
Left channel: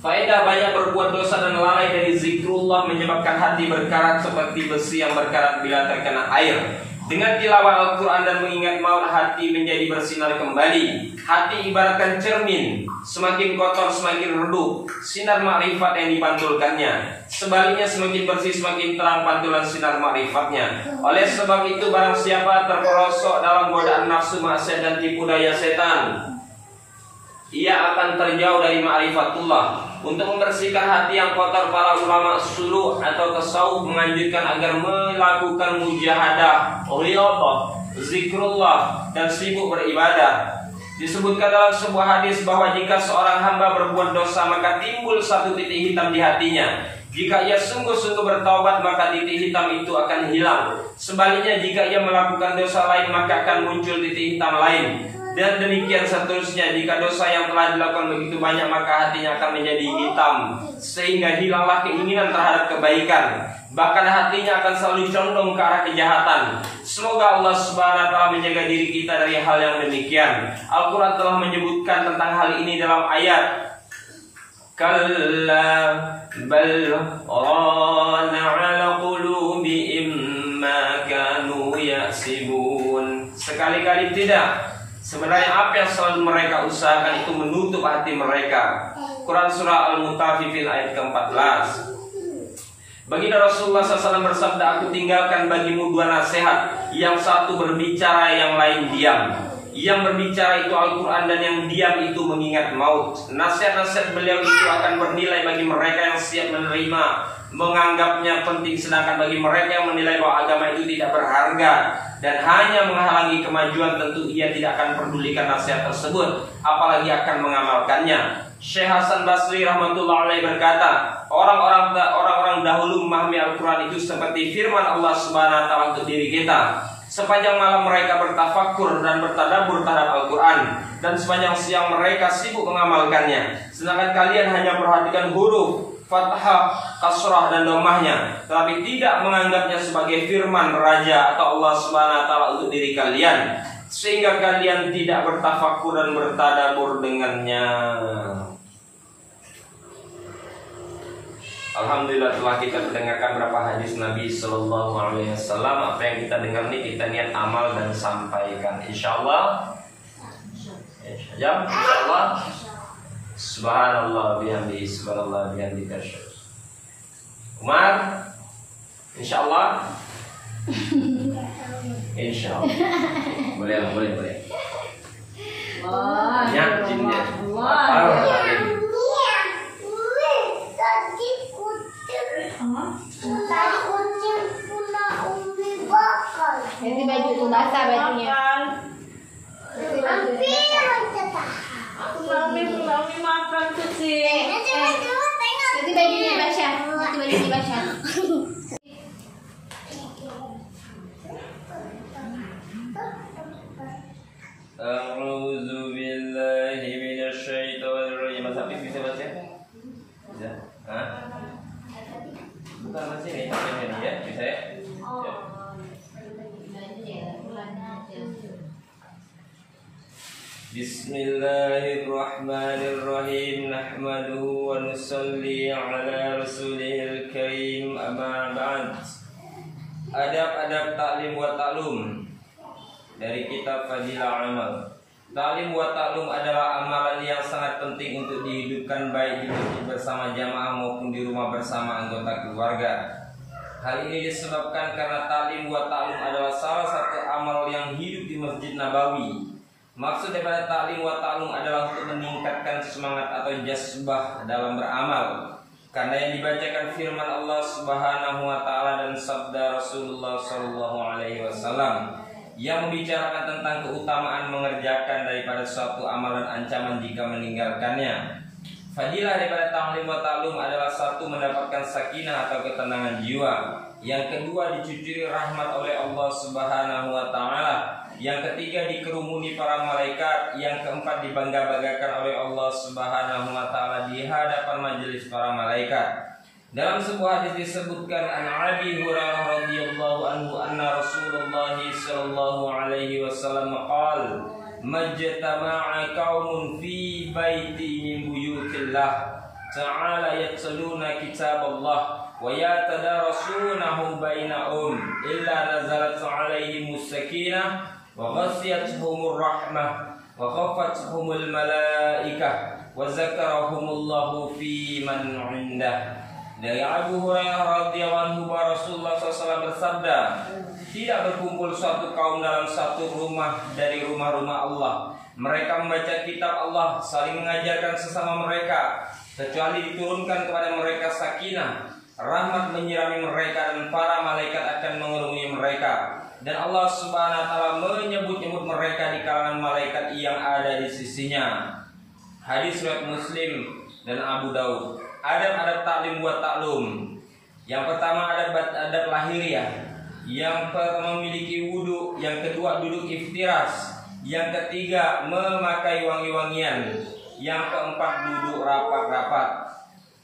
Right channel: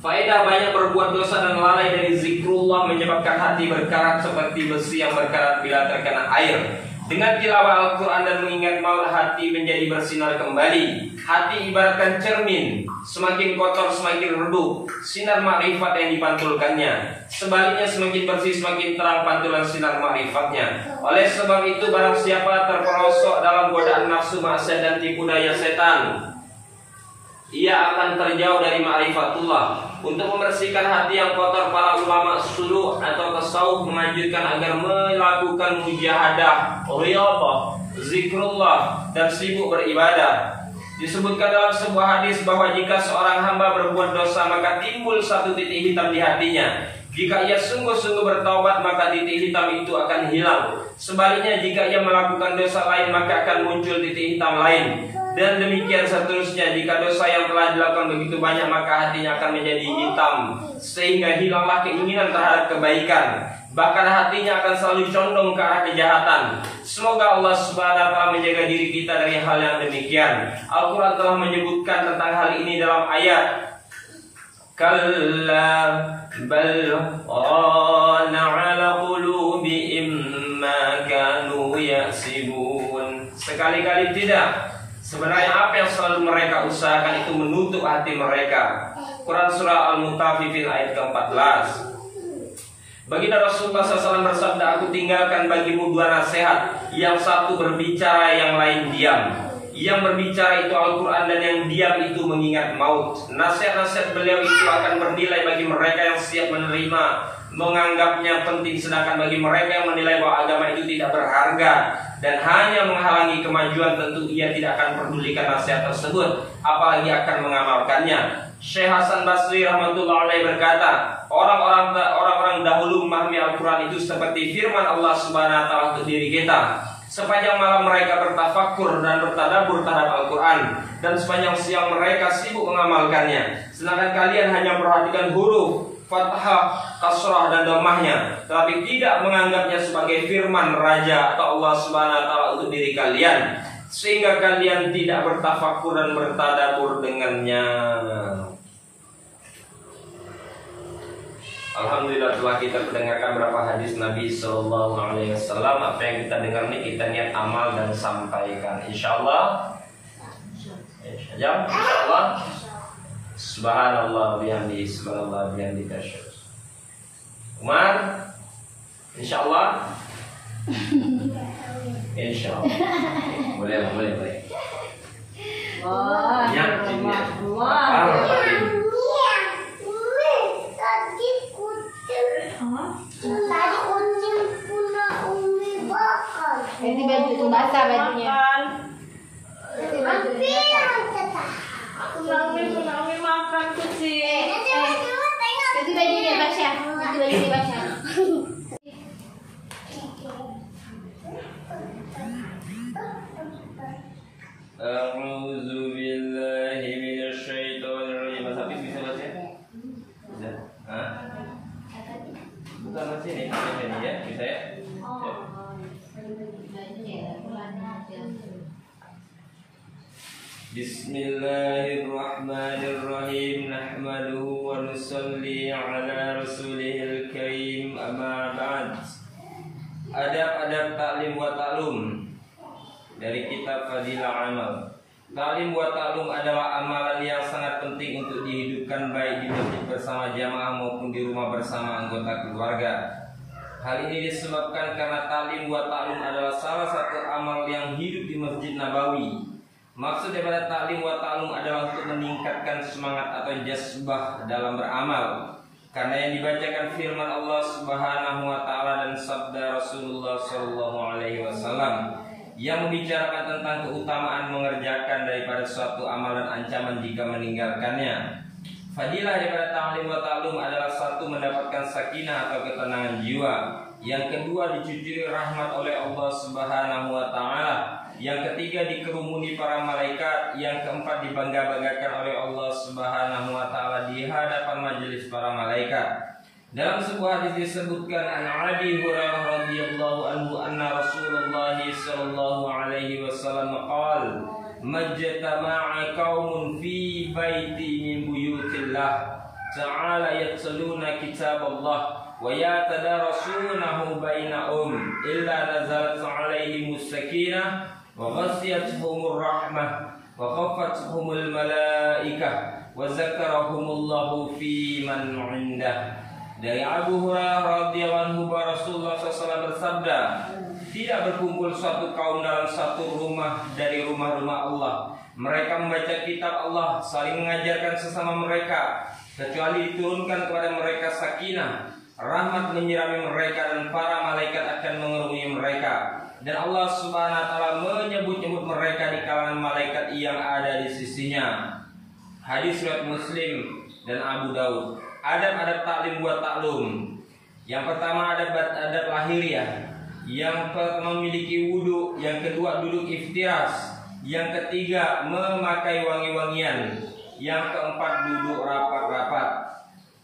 Faedah banyak berbuat dosa dan lalai dari zikrullah menyebabkan hati berkarat seperti besi yang berkarat bila terkena air. Dengan tilawah Al-Quran dan mengingat maut, hati menjadi bersinar kembali. Hati ibaratkan cermin, semakin kotor semakin redup sinar makrifat yang dipantulkannya. Sebaliknya semakin bersih semakin terang pantulan sinar makrifatnya. Oleh sebab itu barang siapa terperosok dalam godaan nafsu maksiat dan tipu daya setan, ia akan terjauh dari ma'rifatullah. Untuk membersihkan hati yang kotor, para ulama suluh atau tasawuf menganjurkan agar melakukan mujahadah, riyadhah, zikrullah, dan sibuk beribadah. Disebutkan dalam sebuah hadis bahwa jika seorang hamba berbuat dosa, maka timbul satu titik hitam di hatinya. Jika ia sungguh-sungguh bertaubat, maka titik hitam itu akan hilang. Sebaliknya, jika ia melakukan dosa lain, maka akan muncul titik hitam lain. Dan demikian seterusnya. Jika dosa yang telah dilakukan begitu banyak, maka hatinya akan menjadi hitam, sehingga hilanglah keinginan terhadap kebaikan. Bahkan hatinya akan selalu condong ke arah kejahatan. Semoga Allah Subhanahu wa ta'ala menjaga diri kita dari hal yang demikian. Al-Quran telah menyebutkan tentang hal ini dalam ayat Kalla bal rana ala qulubihim ma kanu yaksibun. Sekali-kali tidak. Sebenarnya apa yang selalu mereka usahakan itu menutup hati mereka. Quran surah Al-Mutaffifin ayat ke-14. Baginda Rasulullah SAW bersabda, aku tinggalkan bagimu dua nasihat. Yang satu berbicara, yang lain diam. Yang berbicara itu Al-Quran, dan yang diam itu mengingat maut. Nasihat-nasihat beliau itu akan bernilai bagi mereka yang siap menerima, menganggapnya penting. Sedangkan bagi mereka yang menilai bahwa agama itu tidak berharga dan hanya menghalangi kemajuan, tentu ia tidak akan pedulikan nasihat tersebut, apalagi akan mengamalkannya. Syekh Hasan Basri rahmatullah alaih berkata, orang-orang dahulu memahami Al-Quran itu seperti firman Allah Subhanahu wa ta'ala untuk diri kita. Sepanjang malam mereka bertafakur dan bertadabbur terhadap Al-Quran, dan sepanjang siang mereka sibuk mengamalkannya. Sedangkan kalian hanya perhatikan huruf, fathah, kasrah, dan dhammahnya, tapi tidak menganggapnya sebagai firman Raja atau Allah Subhanahu wa ta'ala untuk diri kalian, sehingga kalian tidak bertafakur dan bertadabbur dengannya. Alhamdulillah telah kita mendengarkan beberapa hadis Nabi Sallallahu Alaihi Wasallam. Apa yang kita dengar ini kita niat amal dan sampaikan. Insyaallah. Insyaallah. Subhanallah bihamdihi, subhanallah bihamdika. Umar, insyaallah. Insyaallah. Boleh. Wah, ya, jinnya. Tadi kucing punya Umi bakar. Jadi baju itu basah bajunya. boleh dibaca. A'udzu billahi minasyaitonir rajim. Mas Habib bisa baca? Bisa. Hah? Bukan masih ini, ya, bisa ya? Bismillahirrahmanirrahim. Nahmaduhu wa nusalli ala rasulihil karim. Amma ba'd. Adab-adab ta'lim wa ta'lum dari kitab Fadilah Amal. Ta'lim wa ta'lum adalah amalan yang sangat penting untuk dihidupkan baik di masjid bersama jamaah maupun di rumah bersama anggota keluarga. Hal ini disebabkan karena ta'lim wa ta'lum adalah salah satu amal yang hidup di Masjid Nabawi. Maksud daripada ta'lim wa ta'lum adalah untuk meningkatkan semangat atau jazbah dalam beramal. Karena yang dibacakan firman Allah Subhanahu wa taala dan sabda Rasulullah sallallahu alaihi wasallam yang membicarakan tentang keutamaan mengerjakan daripada suatu amalan, ancaman jika meninggalkannya. Fadilah daripada ta'lim wa ta'lum adalah satu, mendapatkan sakinah atau ketenangan jiwa. Yang kedua, dicucuri rahmat oleh Allah Subhanahu wa taala. Yang ketiga, dikerumuni para malaikat. Yang keempat, dibangga-banggakan oleh Allah Subhanahu wa taala di hadapan majelis para malaikat. Dalam sebuah hadis disebutkan an Abi Hurairah radhiyallahu anhu anna Rasulullah sallallahu alaihi wasallam qala majtama'a qaumun fi baiti min buyutillah ta'ala yatluna kitaballah wa yatadarasunahu bainahum illa nazalat 'alaihimus sakinah wa ghasyiyatuhumur rahmah wa khafathumul malaikah wa zakarahumullahu fi man 'indah. Dari Abu Hurairah radhiyallahu anhu, Rasulullah SAW bersabda, tidak berkumpul suatu kaum dalam satu rumah dari rumah-rumah Allah. Mereka membaca kitab Allah, saling mengajarkan sesama mereka, kecuali diturunkan kepada mereka sakinah, rahmat menyirami mereka dan para malaikat akan mengerumuni mereka. Dan Allah Subhanahu wa taala menyebut-nyebut mereka di kalangan malaikat yang ada di sisinya. Hadis riwayat Muslim dan Abu Daud. Adab-adab ta'lim wa ta'lum. Yang pertama adab lahiriah. Yang pertama memiliki wudu, yang kedua duduk iftiras, yang ketiga memakai wangi-wangian, yang keempat duduk rapat-rapat.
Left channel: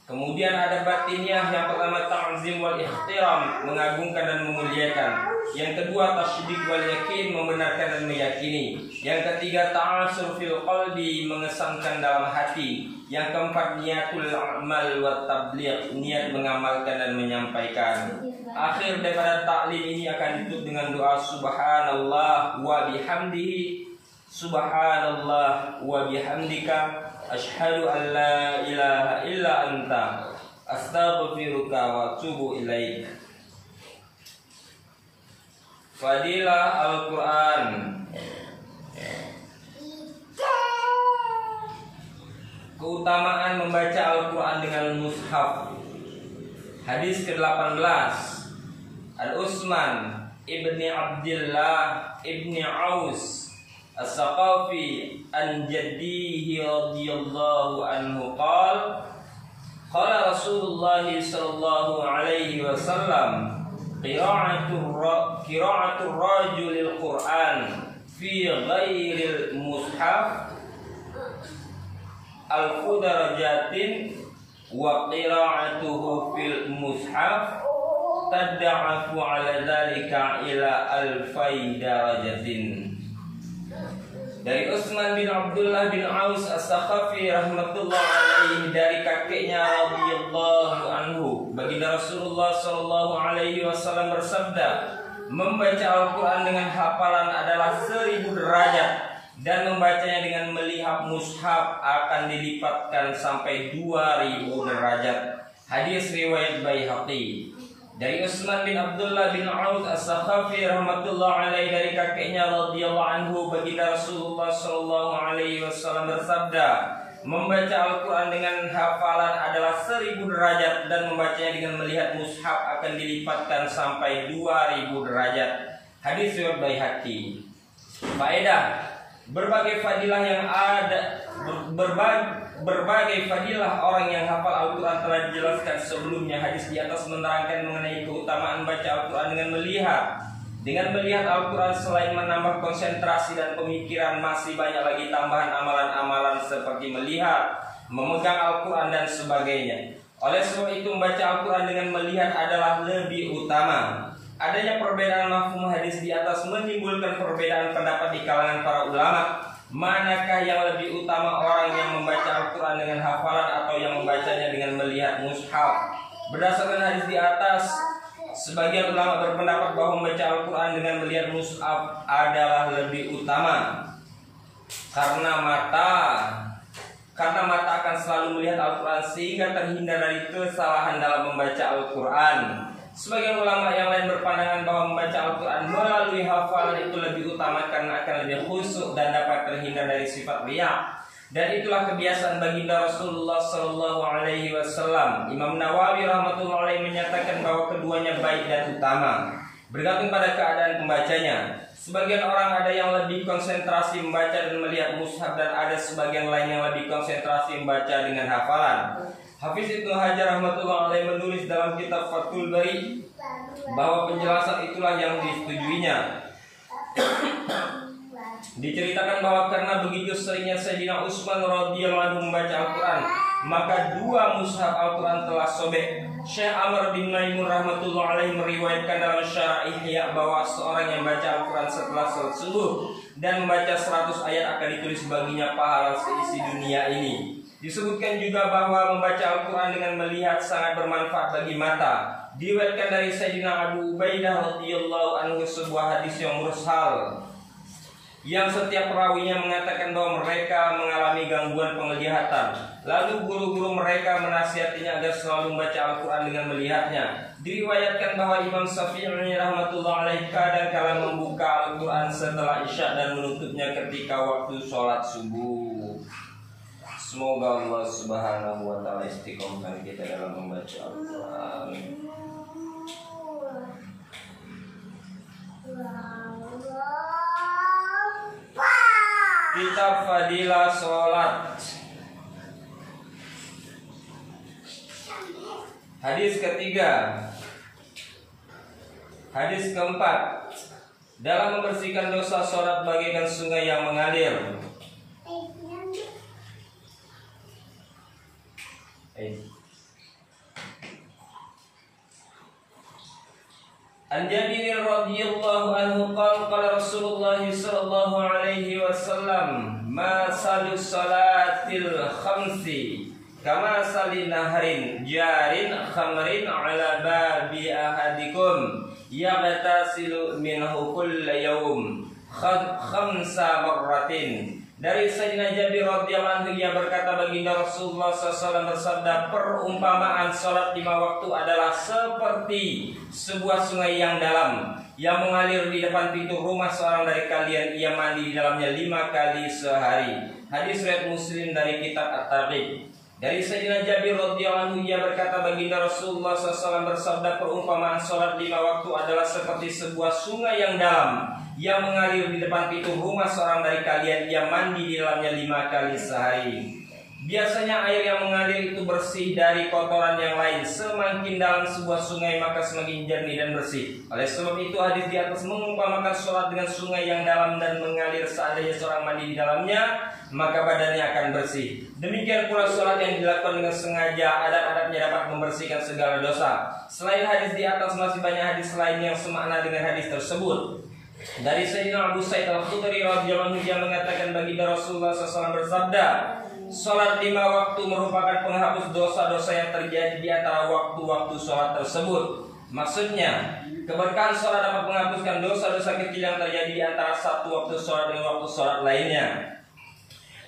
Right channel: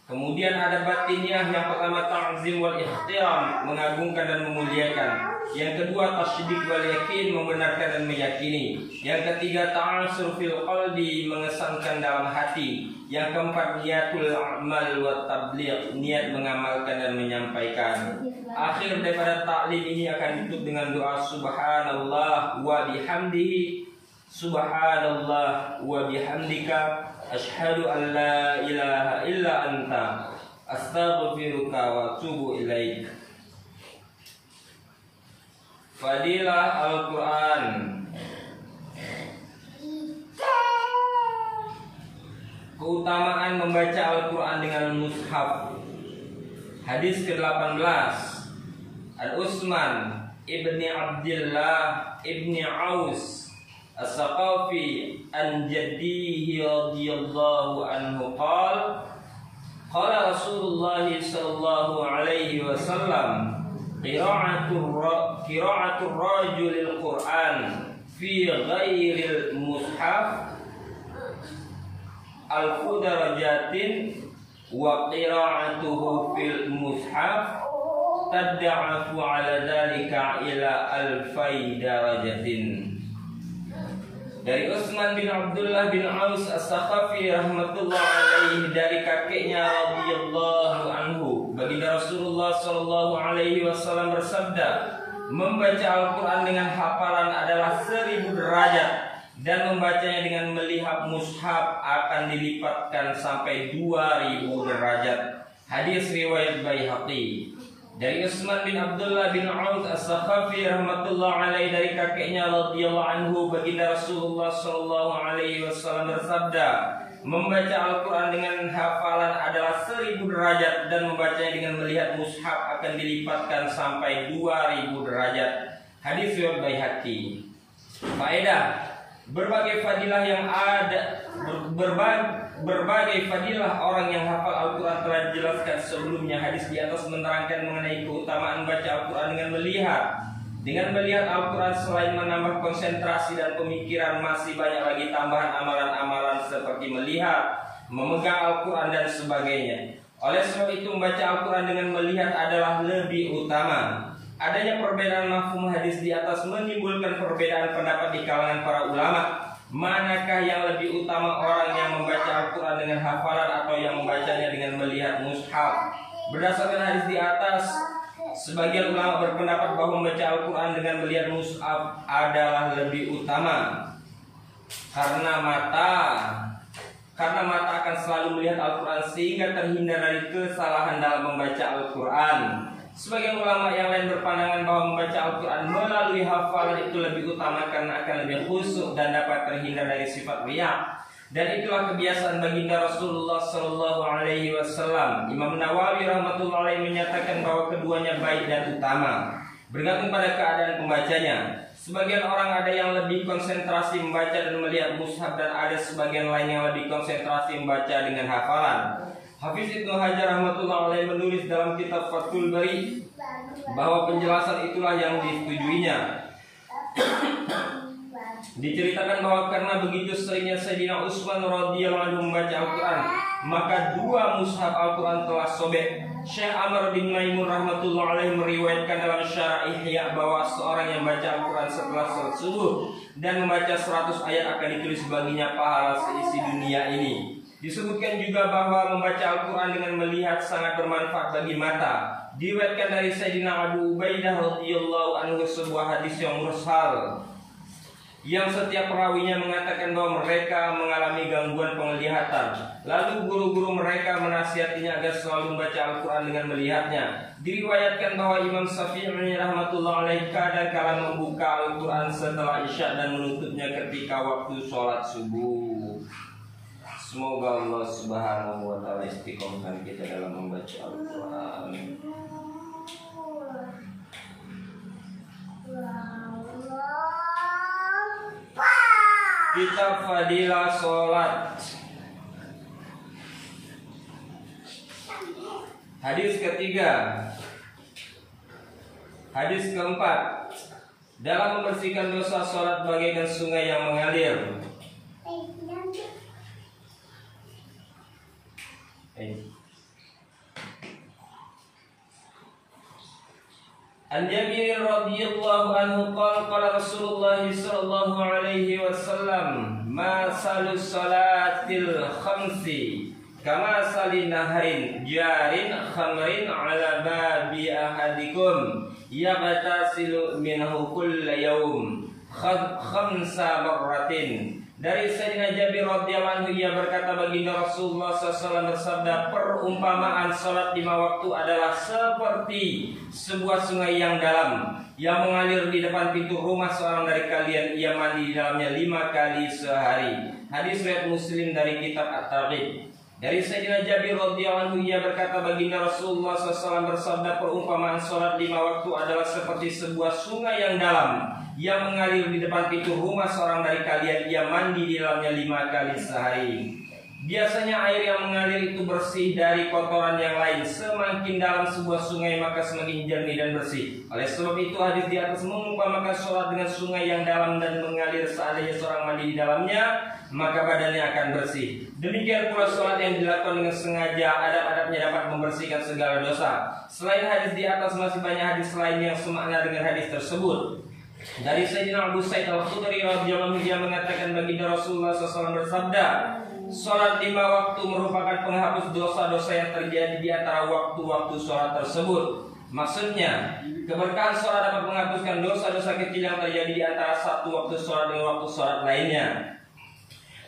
Kemudian ada batiniah, yang pertama ta'zim wal ihtiram, mengagungkan dan memuliakan. Yang kedua tasydid wal yakin, membenarkan dan meyakini. Yang ketiga ta'asur fil qalbi, mengesankan dalam hati. Yang keempat niatul amal wa tabligh, niat mengamalkan dan menyampaikan. Akhir daripada ta'lim ini akan ditutup dengan doa subhanallah wa bihamdihi, subhanallah wa bihamdika, asyhadu an la ilaha illa anta, astaghfiruka wa atubu ilaik. Fadilah Al-Quran. Keutamaan membaca Al-Quran dengan mushaf. Hadis ke-18 Al-Utsman ibni Abdillah ibni Aus As-Saqafi an jaddihi radhiyallahu anhu qala qala Rasulullah sallallahu alaihi wasallam qira'atul rajulil Qur'an fi ghairil mushaf alfu darajatin wa qira'atuhu fil mushaf tad'afu ala dhalika ila alfai darajatin. Dari Utsman bin Abdullah bin Aus As-Saqafi rahmatullah alaihi, dari kakeknya radhiyallahu anhu, baginda Rasulullah sallallahu alaihi wasallam bersabda, membaca Al-Quran dengan hafalan adalah 1000 derajat, dan membacanya dengan melihat mushaf akan dilipatkan sampai 2000 derajat. Hadis riwayat Baihaqi. Dari Utsman bin Abdullah bin Aus As-Saqafi rahmatullah alaihi, dari kakeknya radhiyallahu anhu, baginda Rasulullah sallallahu alaihi wasallam bersabda, membaca Al-Quran dengan hafalan adalah 1000 derajat, dan membacanya dengan melihat mushaf akan dilipatkan sampai 2000 derajat. Hadis riwayat Baihaqi. Faedah: berbagai fadilah yang ada berbagai fadilah orang yang hafal Al-Quran telah dijelaskan sebelumnya. Hadis di atas menerangkan mengenai keutamaan baca Al-Quran dengan melihat. Dengan melihat Al-Quran selain menambah konsentrasi dan pemikiran, masih banyak lagi tambahan amalan-amalan seperti melihat, memegang Al-Quran dan sebagainya. Oleh sebab itu membaca Al-Quran dengan melihat adalah lebih utama. Adanya perbedaan mafhum hadis di atas menimbulkan perbedaan pendapat di kalangan para ulama. Manakah yang lebih utama, orang yang membaca Al-Quran dengan hafalan atau yang membacanya dengan melihat mushaf? Berdasarkan hadis di atas, sebagian ulama berpendapat bahwa membaca Al-Quran dengan melihat mushaf adalah lebih utama. Karena mata akan selalu melihat Al-Quran sehingga terhindar dari kesalahan dalam membaca Al-Quran. Sebagian ulama yang lain berpandangan bahwa membaca Al-Quran melalui hafalan itu lebih utama karena akan lebih khusyuk dan dapat terhindar dari sifat riya. Dan itulah kebiasaan baginda Rasulullah Sallallahu Alaihi Wasallam. Imam Nawawi rahmatullahi alaihi menyatakan bahwa keduanya baik dan utama, bergantung pada keadaan pembacanya. Sebagian orang ada yang lebih konsentrasi membaca dan melihat mushaf, dan ada sebagian lain yang lebih konsentrasi membaca dengan hafalan. Hafiz Ibnu Hajar rahmatullahi alaihi menulis dalam kitab Fathul Bari bahwa penjelasan itulah yang disetujuinya. Diceritakan bahwa karena begitu seringnya Sayyidina Utsman radhiyallahu anhu membaca Al-Quran, maka dua mushaf Al-Quran telah sobek. Syekh Amr bin Maimun rahmatullahi alaihi meriwayatkan dalam Syarah Ihya bahwa seorang yang baca Al-Quran setelah salat subuh dan membaca 100 ayat akan ditulis baginya pahala seisi dunia ini. Disebutkan juga bahwa membaca Al-Quran dengan melihat sangat bermanfaat bagi mata. Diriwayatkan dari Sayyidina Abu Ubaidah radhiyallahu anhu sebuah hadis yang mursal, yang setiap perawinya mengatakan bahwa mereka mengalami gangguan penglihatan. Lalu guru-guru mereka menasihatinya agar selalu membaca Al-Quran dengan melihatnya. Diriwayatkan bahwa Imam Syafi'i rahmatullah alaih kadang-kala membuka Al-Quran setelah Isya dan menutupnya ketika waktu sholat subuh. Semoga Allah subhanahu wa ta'ala istiqomahkan kita dalam membaca Al-Quran. Kitab Fadilah Sholat. Hadis ketiga. Hadis keempat. Dalam membersihkan dosa sholat bagaikan sungai yang mengalir. An Jabir radhiyallahu anhu qala Rasulullah sallallahu alaihi wasallam ma salu salatil khamsi kama salin naharin jarin khamrin ala babi ahadikum yaghtasilu minhu kulla yawm khamsa marratin. Dari Sayyidina Jabir radhiyallahu anhu, ia berkata, baginda Rasulullah SAW bersabda, perumpamaan sholat 5 waktu adalah seperti sebuah sungai yang dalam yang mengalir di depan pintu rumah seorang dari kalian. Ia mandi di dalamnya 5 kali sehari. Hadis riwayat Muslim dari kitab At-Targhib. Dari Sayyidina Jabir radhiyallahu anhu, ia berkata, baginda Rasulullah SAW bersabda, perumpamaan sholat 5 waktu adalah seperti sebuah sungai yang dalam yang mengalir di depan pintu rumah seorang dari kalian. Ia mandi di dalamnya 5 kali sehari. Biasanya air yang mengalir itu bersih dari kotoran yang lain. Semakin dalam sebuah sungai maka semakin jernih dan bersih. Oleh sebab itu hadis di atas mengumpamakan sholat dengan sungai yang dalam dan mengalir. Seandainya seorang mandi di dalamnya, maka badannya akan bersih. Demikian pula sholat yang dilakukan dengan sengaja, adab-adabnya dapat membersihkan segala dosa. Selain hadis di atas, masih banyak hadis lain yang semakna dengan hadis tersebut. Dari Sayyidina Abu Sa'id Al-Khudri radhiyallahu anhu, dia mengatakan, baginda Rasulullah SAW bersabda, sholat 5 waktu merupakan penghapus dosa-dosa yang terjadi di antara waktu-waktu sholat tersebut. Maksudnya, keberkahan sholat dapat menghapuskan dosa-dosa kecil yang terjadi di antara satu waktu sholat dengan waktu sholat lainnya.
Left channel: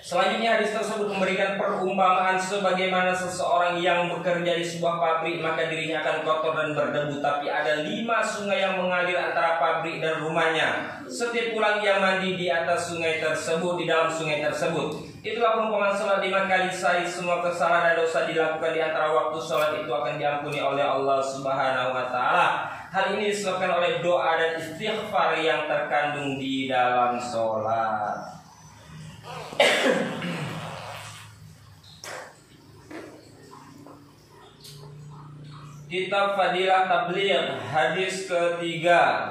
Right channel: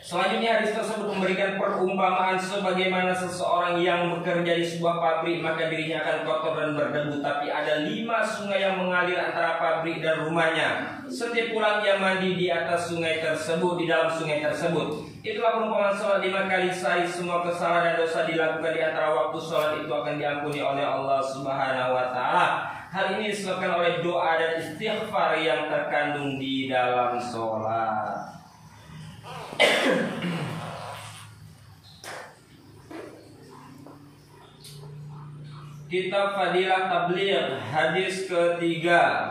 Selanjutnya hadis tersebut memberikan perumpamaan sebagaimana seseorang yang bekerja di sebuah pabrik, maka dirinya akan kotor dan berdebu, tapi ada 5 sungai yang mengalir antara pabrik dan rumahnya. Setiap pulang ia mandi di atas sungai tersebut, di dalam sungai tersebut. Itulah perumpamaan sholat 5 kali sehari. Semua kesalahan dan dosa dilakukan di antara waktu sholat itu akan diampuni oleh Allah Subhanahu wa ta'ala. Hal ini disebabkan oleh doa dan istighfar yang terkandung di dalam sholat. Kitab Fadilah Tabligh, hadis ketiga.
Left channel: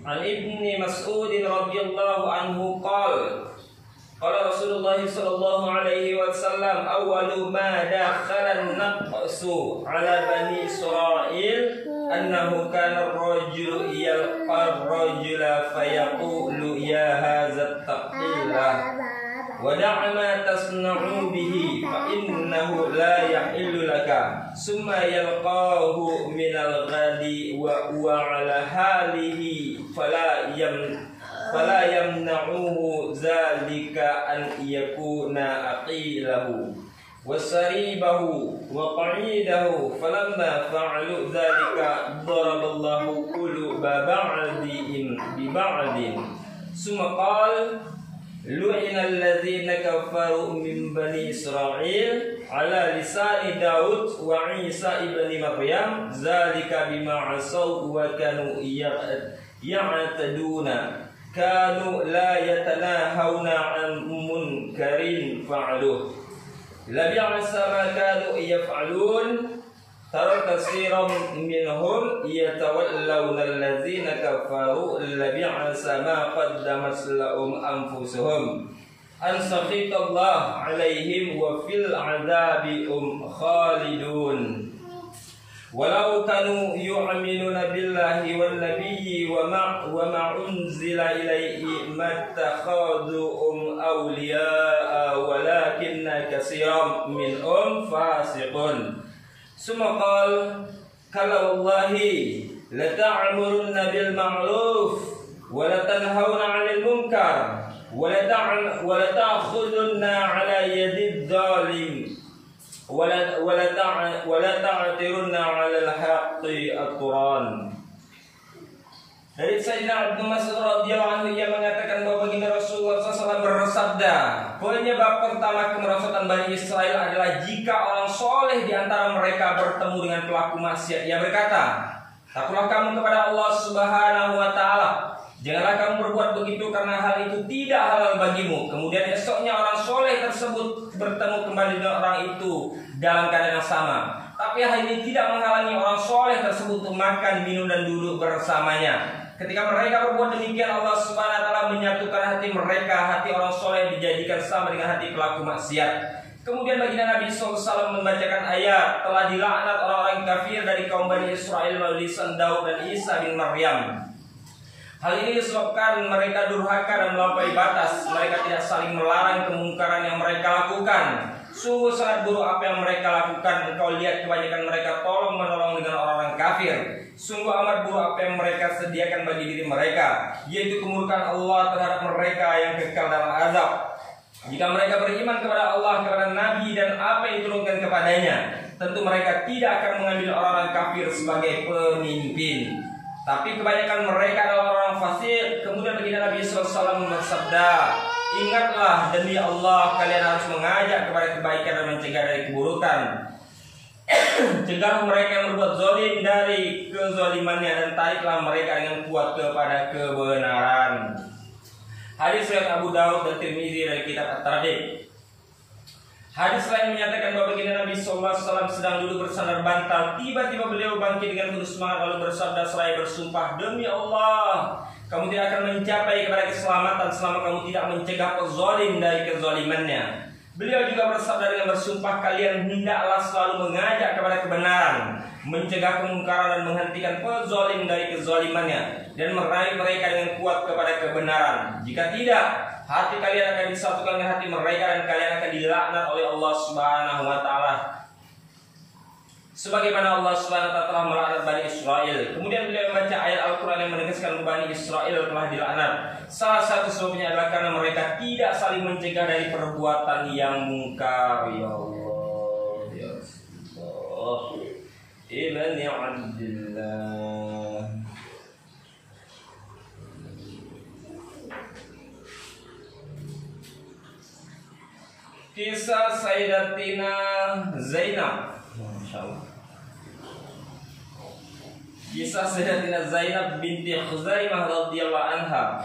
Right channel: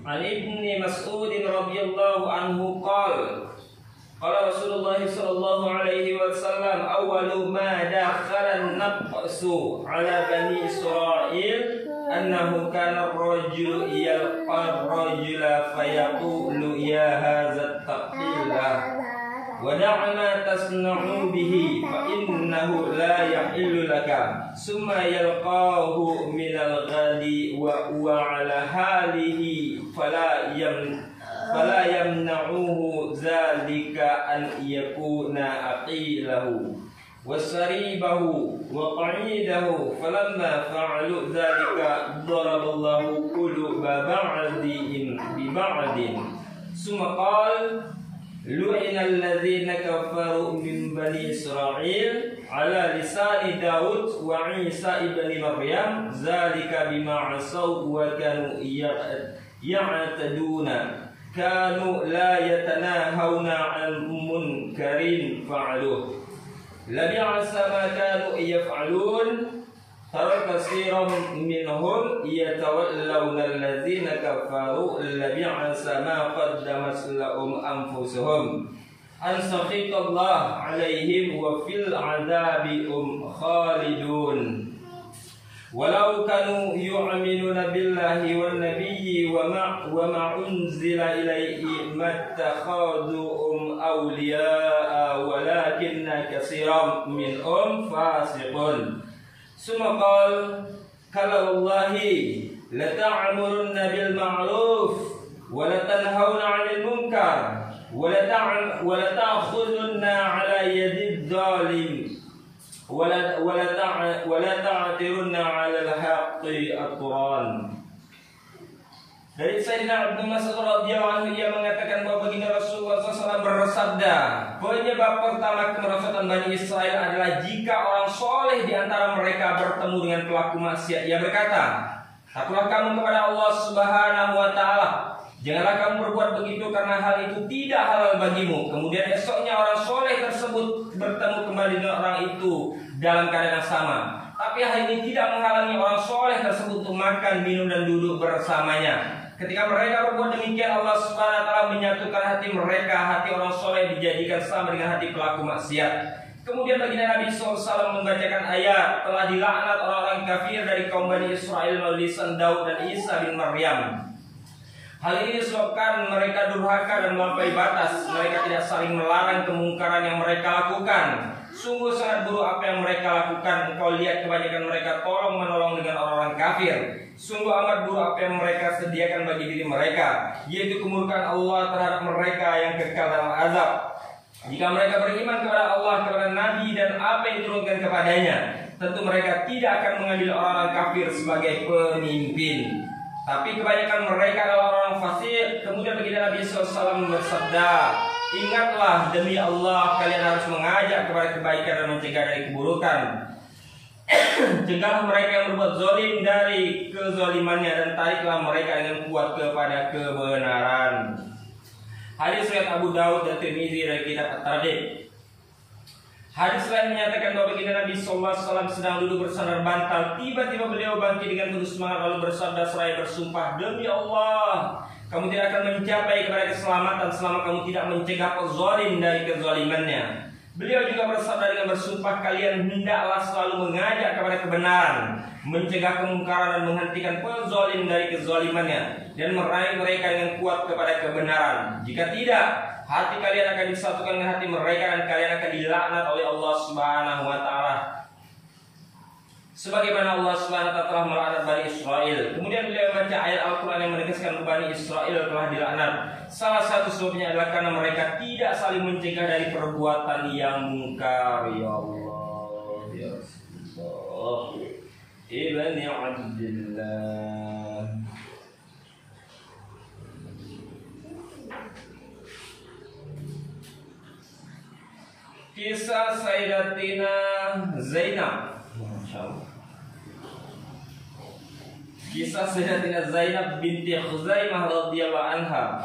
An Ibni Mas'ud radhiyallahu anhu qala Rasulullah sallallahu alaihi wasallam awwalu ma dakhala an-naqsu ala bani Israil annahu kana ar-rajulu yalqa ar-rajula fayaqulu ya hadza taqillah wa da'a ma tasna'u bihi fa innahu la yahillu laka summa yalqahu min al-ghadi wa huwa ala halihi fala yamna'uhu zalika an yakuna aqilahu wasaribahu wa qa'idahu falamma fa'alu zalika daraballahu quluba ba'dihim bi ba'din summa qala lu'ina alladhina kafaru min bani Israil ala lisani Daud wa Isa ibni Maryam zalika bima asaw wa kanu ya'taduna kanu la yatanahawna an munkarin fa'aluh labi'asa ma kanu yaf'alun tara katsiran minhum yatawallawna allazina kafaru labi'asa ma qaddamat lahum anfusuhum an sakhitallah alaihim wa fil adabi khalidun walau kanu yu'minuna billahi wan nabiyyi wa ma unzila ilaihi mattakhadhuhum awliya'a walakinna katsiran minhum fasiqun summa qala kala wallahi la ta'murunna bil ma'ruf wa la tanhauna 'anil munkar wa la ta'khudunna 'ala yadid zalim wa la ta'tirunna 'alal haqqi atran. Dari Sayyidina Ibnu Mas'ud radhiyallahu anhu, ia mengatakan bahwa baginda Rasulullah SAW bersabda, penyebab pertama kemerosotan Bani Israel adalah jika orang soleh di antara mereka bertemu dengan pelaku maksiat. Ia berkata, takutlah kamu kepada Allah Subhanahu wa Ta'ala. Janganlah kamu berbuat begitu karena hal itu tidak halal bagimu. Kemudian esoknya orang soleh tersebut bertemu kembali dengan orang itu dalam keadaan yang sama. Tapi hal ini tidak menghalangi orang soleh tersebut untuk makan, minum, dan duduk bersamanya. Ketika mereka berbuat demikian, Allah Subhanahu wa Ta'ala menyatukan hati mereka. Hati orang soleh dijadikan sama dengan hati pelaku maksiat. Kemudian baginda Nabi SAW membacakan ayat, telah dilaknat orang-orang kafir dari kaum Bani Israel melalui lisan Daud dan Isa bin Maryam. Hal ini disebabkan mereka durhaka dan melampaui batas. Mereka tidak saling melarang kemungkaran yang mereka lakukan. Sungguh sangat buruk apa yang mereka lakukan. Engkau lihat kebanyakan mereka tolong menolong dengan orang-orang kafir. Sungguh amat buruk apa yang mereka sediakan bagi diri mereka, yaitu kemurkaan Allah terhadap mereka yang kekal dalam azab. Jika mereka beriman kepada Allah, kepada Nabi, dan apa yang diturunkan kepadanya, tentu mereka tidak akan mengambil orang-orang kafir sebagai pemimpin. Tapi kebanyakan mereka adalah orang fasik. Kemudian baginda Nabi SAW bersabda, ingatlah demi Allah, kalian harus mengajak kepada kebaikan dan mencegah dari keburukan. Cegahlah mereka yang berbuat zalim dari kezalimannya, dan tariklah mereka dengan kuat kepada kebenaran. Hadis riwayat Abu Daud dan Tirmizi dari kitab At-Targhib. Hadis lain menyatakan bahwa baginda Nabi SAW sedang duduk bersandar bantal. Tiba-tiba beliau bangkit dengan penuh semangat lalu bersabda seraya bersumpah, demi Allah, kamu tidak akan mencapai kepada keselamatan selama kamu tidak mencegah pezalim dari kezalimannya. Beliau juga bersabda dengan bersumpah, kalian hendaklah selalu mengajak kepada kebenaran, mencegah kemungkaran dan menghentikan pezalim dari kezalimannya, dan meraih mereka dengan kuat kepada kebenaran. Jika tidak, hati kalian akan disatukan dengan hati mereka dan kalian akan dilaknat oleh Allah Subhanahu wa Ta'ala, sebagaimana Allah Subhanahu wa Ta'ala telah melaknat Bani Israel. Kemudian beliau membaca ayat Al-Quran yang menegaskan Bani Israel telah dilaknat. Salah satu sebabnya adalah karena mereka tidak saling mencegah dari perbuatan yang mungkar. Ya Allah, ya Allah, Ibni Abdillah. Kisah Sayyidatina Zainab. Kisah Sayyidatina Zainab binti Khuzaimah radhiyallahu anha.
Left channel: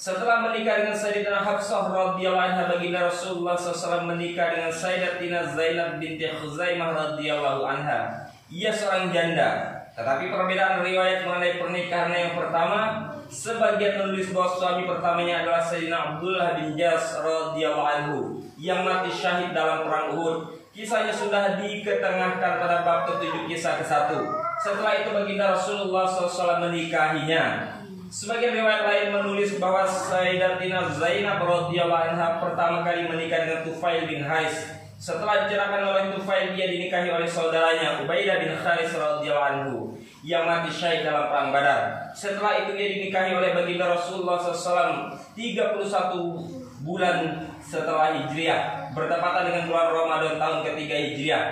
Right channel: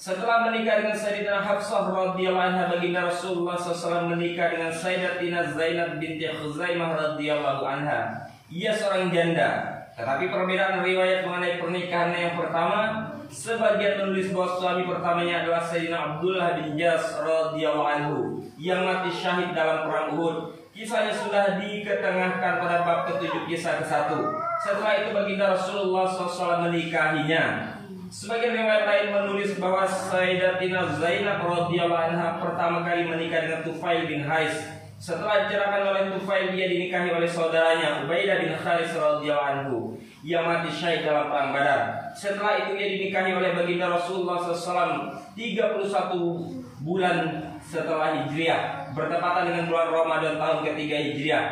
Setelah menikah dengan Sayyidatina Hafsah radhiyallahu anha, baginda Rasulullah SAW menikah dengan Sayyidatina Zainab binti Khuzaimah radhiyallahu anha. Ia seorang janda. Tetapi perbedaan riwayat mengenai pernikahan yang pertama, sebagian menulis bahwa suami pertamanya adalah Sayyidina Abdullah bin Jas radhiyallahu anhu yang mati syahid dalam perang Uhud. Kisahnya sudah diketengahkan pada bab ke-7 kisah ke-1. Setelah itu baginda Rasulullah SAW menikahinya. Sebagian riwayat lain menulis bahwa Sayyidatina Zainab radhiyallahu anha pertama kali menikah dengan Tufail bin Hais. Setelah dicerahkan oleh Tufail, dia dinikahi oleh saudaranya Ubaidah bin Kharis radhiyallahu anhu yang mati syahid dalam perang Badar. Setelah itu dia dinikahi oleh baginda Rasulullah SAW 31 bulan setelah Hijriah, bertepatan dengan bulan Ramadan tahun ketiga Hijriah.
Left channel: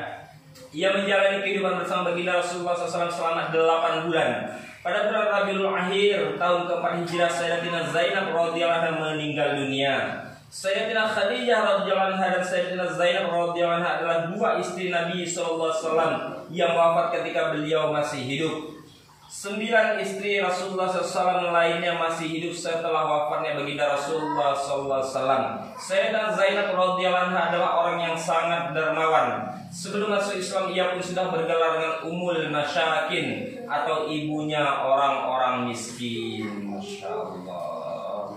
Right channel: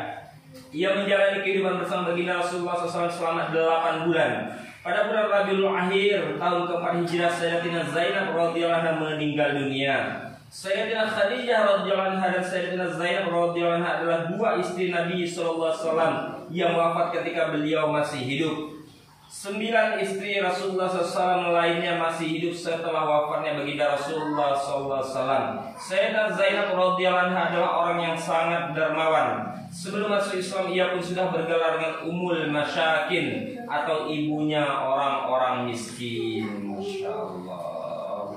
Ia menjalani kehidupan bersama baginda Rasulullah SAW selama 8 bulan. Pada bulan Rabiul Akhir tahun keempat Hijriah, Sayyidatina Zainab radhiyallahu anha meninggal dunia. Sayyidatina Khadijah radhiyallahu anha dan Sayyidatina Zainab radhiyallahu anha adalah dua istri Nabi SAW yang wafat ketika beliau masih hidup. 9 istri Rasulullah SAW lainnya masih hidup setelah wafatnya baginda Rasulullah SAW. Sayyidatina Zainab radhiyallahu anha adalah orang yang sangat dermawan. Sebelum masuk Islam, ia pun sudah bergelar dengan Ummul Masyakin atau ibunya orang-orang miskin. Masya Allah.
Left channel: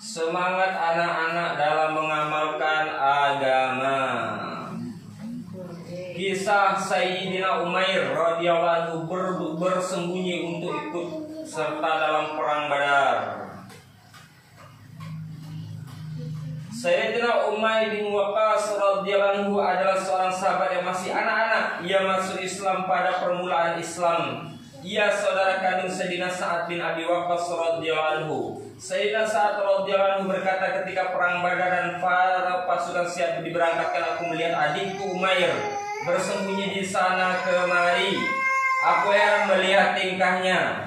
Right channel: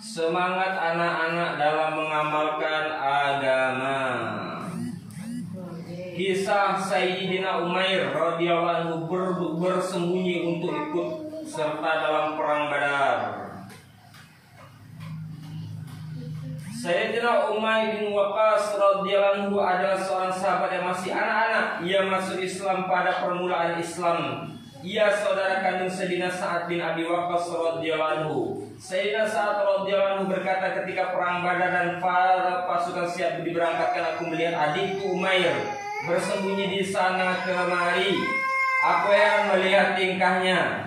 Semangat anak-anak dalam mengamalkan agama. Kisah Sayyidina Umair radhiyallahu anhu bersembunyi untuk ikut serta dalam perang Badar. Sayyidina Umair bin Waqqas radhiyallahu anhu adalah seorang sahabat yang masih anak-anak. Ia masuk Islam pada permulaan Islam. Ia saudara kandung Sayyidina Sa'ad bin Abi Waqqas radhiyallahu anhu. Sayyidina Sa'ad radhiyallahu anhu berkata ketika perang Badar dan para pasukan siap diberangkatkan, aku melihat adikku Umair bersembunyi di sana kemari. Aku heran melihat tingkahnya.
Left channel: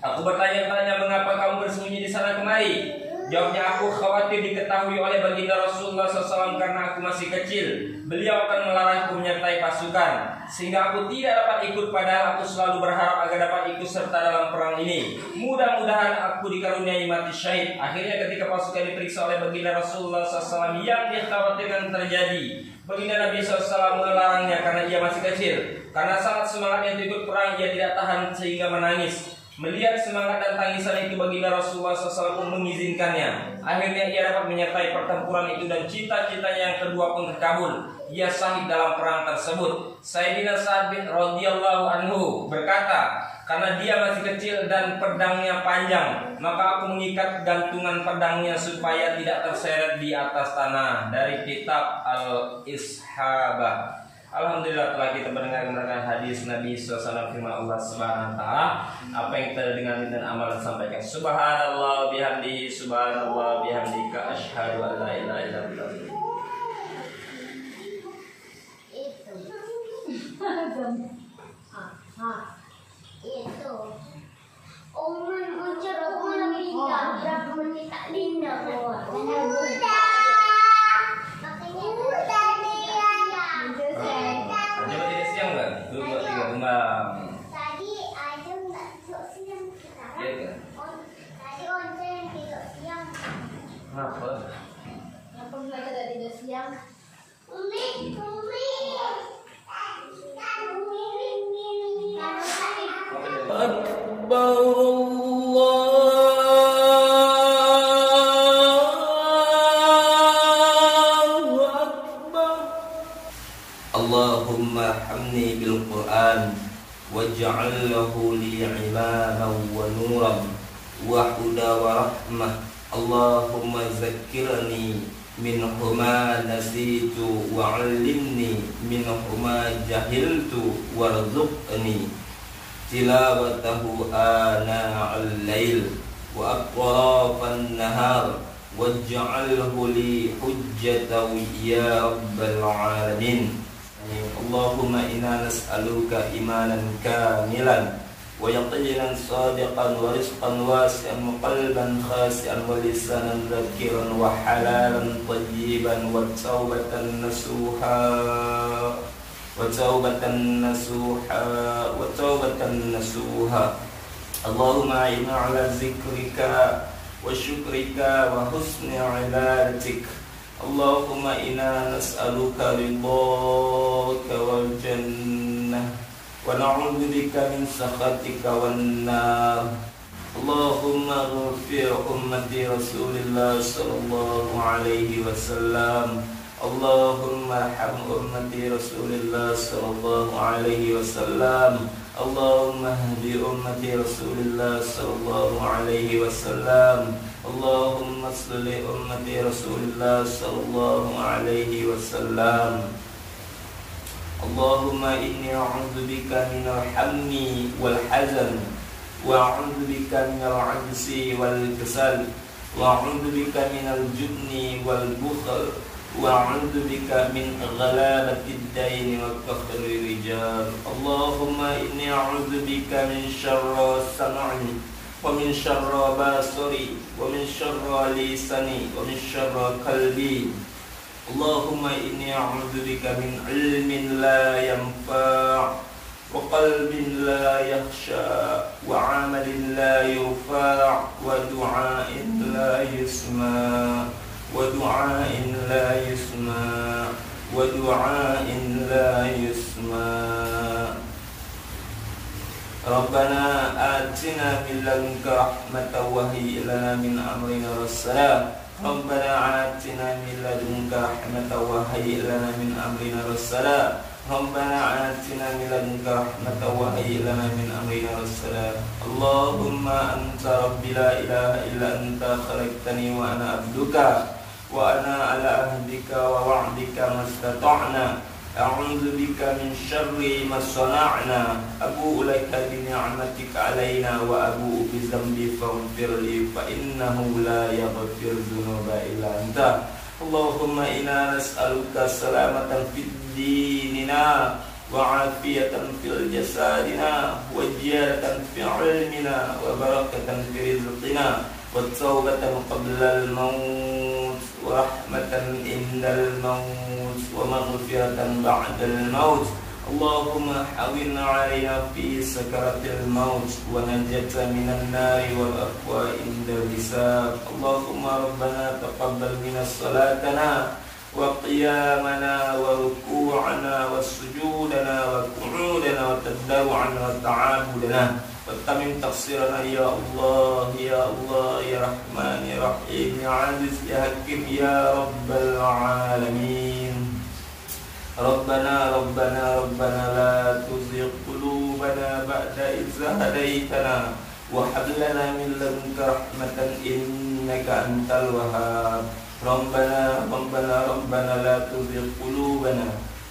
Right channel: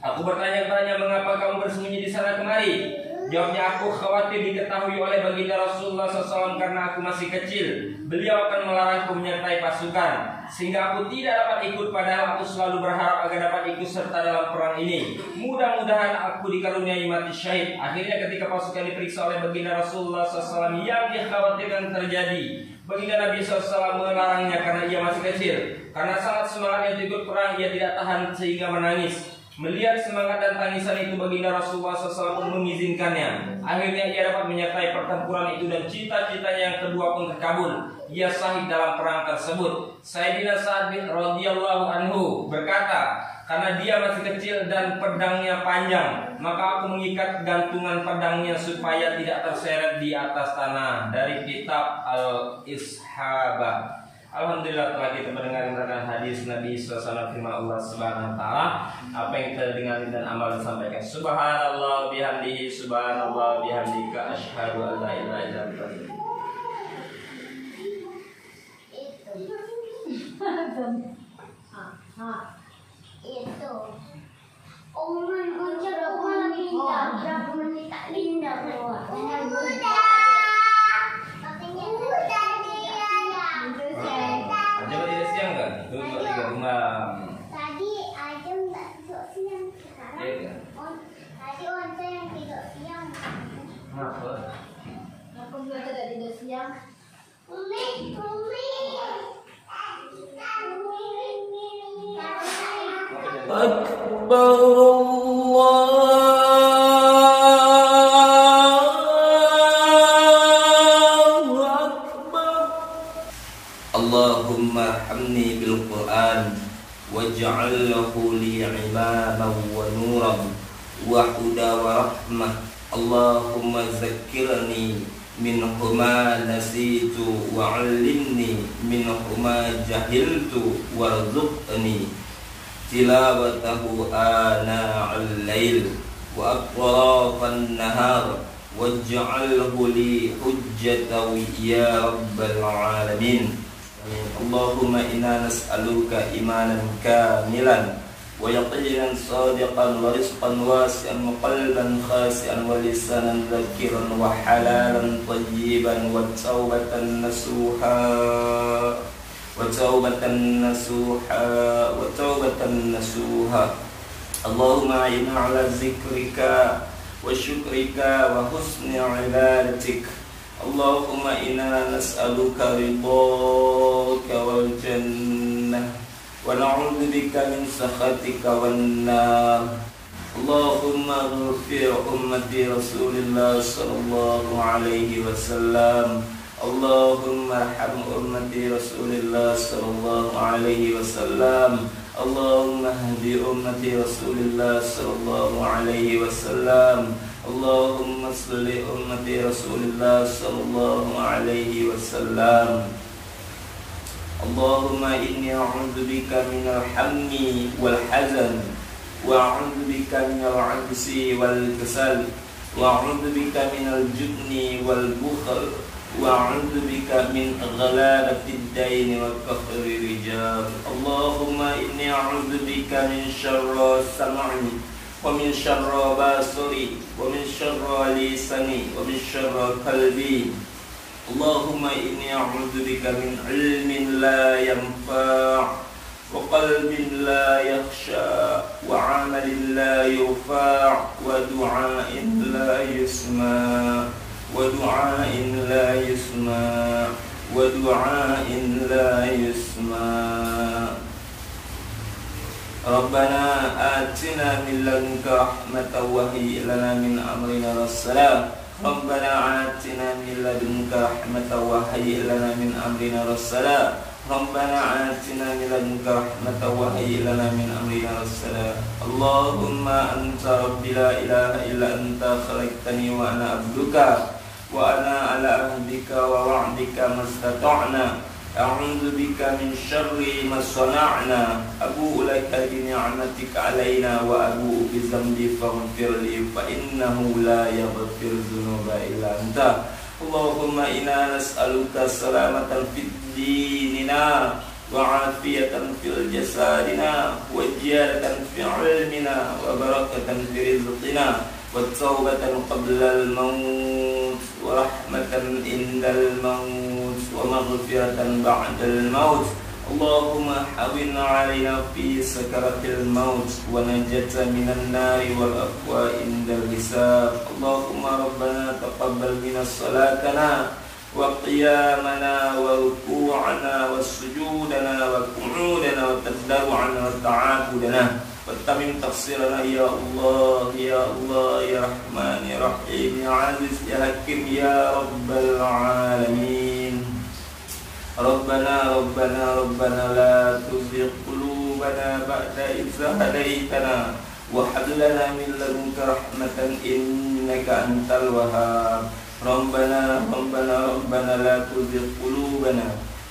Aku bertanya-tanya, mengapa kamu bersembunyi di sana kemari? Jawabnya, aku khawatir diketahui oleh baginda Rasulullah SAW karena aku masih kecil. Beliau akan melarangku menyertai pasukan, sehingga aku tidak dapat ikut, padahal aku selalu berharap agar dapat ikut serta dalam perang ini. Mudah-mudahan aku dikaruniai mati syahid. Akhirnya ketika pasukan diperiksa oleh baginda Rasulullah SAW yang dikhawatirkan terjadi, baginda Nabi SAW melarangnya karena ia masih kecil. Karena sangat semangatnya untuk ikut perang, ia tidak tahan sehingga menangis. Melihat semangat dan tangisan itu, baginda Rasulullah SAW pun mengizinkannya. Akhirnya ia dapat menyertai pertempuran itu dan cita-citanya yang kedua pun terkabul. Ia syahid dalam perang tersebut. Sayyidina Sa'ad bin radhiyallahu anhu berkata, karena dia masih kecil dan pedangnya panjang, maka aku mengikat gantungan pedangnya supaya tidak terseret di atas tanah. Dari kitab Al-Ishabah. Alhamdulillah telah kita mendengarkan hadis Nabi SAW, firman Allah Subhanahu wa taala. Apa yang kita dengar dan amal sampaikan. Subhanallah bihamdihi, subhanallah bihamdika, asyhadu an la ilaha illa anta. Itu. Umur bocor aku pindah, berapa menit tak pindah keluar. Coba tidak siang enggak? Itu buat 3 kembang. Tadi Adam tak tidur siang sekarang. Iya kan? Tadi Onta yang tidur siang. Kenapa? Kenapa mereka tak tidur siang? Umi. Akbar Allahumma arhamni bil Qur'an waj'alhu li imaman wa nuran wa huda wa rahmah. Allahumma zakkirni minhu ma nasitu wa 'allimni minhu ma jahiltu warzuqni tilawatahu ana al-lail wa atrafan nahar waj'alhu li hujjatan ya rabbal alamin. Allahumma inna nas'aluka imanan kamilan wa yaqinan sadiqan wa rizqan wasi'an wa qalban khasi'an wa lisanan dhakiran wa halalan tayyiban wa tawbatan nasuha wa tawbatan nasuha wa tawbatan nasuha Allahumma inna ala zikrika wa syukrika wa husni ibadatik. Allahumma inna nas'aluka ridhaka wal jannah wa na'udzubika min sakhatika wan nar. Allahumma ighfir ummati Rasulillah sallallahu alaihi wasallam. Allahumma arham ummati Rasulillah sallallahu alaihi wasallam. Allahumma hdi ummati Rasulillah sallallahu alaihi wasallam. Allahumma salli ummati Rasulillah sallallahu alaihi wasallam. Allahumma inni a'udzubika minal hammi wal hazan wa a'udzubika minal 'ajzi wal kasal wa a'udzubika minal jubni wal bukhl وأعوذ بك من غلابة الدين وكفر الرجال. اللهم إني أعوذ بك من شر سمعي ومن شر بصري ومن شر لساني ومن شر قلبي. اللهم إني أعوذ بك من علم لا ينفع وقلب لا يخشى وعمل لا يرفع ودعاء لا يسمع ودعاء لا يسمع ودعاء لا يسمع. ربنا آتنا من لدنك رحمة وهيئ لنا من أمرنا رشدا. ربنا آتنا من لدنك رحمة وهيئ لنا من أمرنا رشدا. ربنا آتنا من لدنك رحمة وهيئ لنا من أمرنا رشدا. اللهم أنت ربي لا إله إلا أنت خلقتني وأنا عبدك وأنا على عهدك ووعدك ما استطعنا. أعوذ بك من شر ما صنعنا. أبوء لك بنعمتك علينا وأبوء بذنبي فاغفر لي فإنه لا يغفر الذنوب إلا أنت. اللهم إنا نسألك سلامة في ديننا وعافية في جسدنا وزيادة في علمنا وبركة في رزقنا والتوبة قبل الموت ورحمة عند الموت ومغفرة بعد الموت. اللهم حوّن علينا في سكرة الموت ونجاة من النار والعفو عند الحساب. اللهم ربنا تقبل منا صلاتنا وقيامنا وركوعنا وسجودنا وقعودنا وتضرعنا وتعابدنا وتمم تقصيرنا يا الله يا الله يا رحمن يا رحيم يا عزيز يا حكيم يا رب العالمين. ربنا ربنا ربنا لا تزغ قلوبنا بعد إذ هديتنا وهب لنا من لدنك رحمة إنك أنت الوهاب. ربنا ربنا ربنا لا تزغ قلوبنا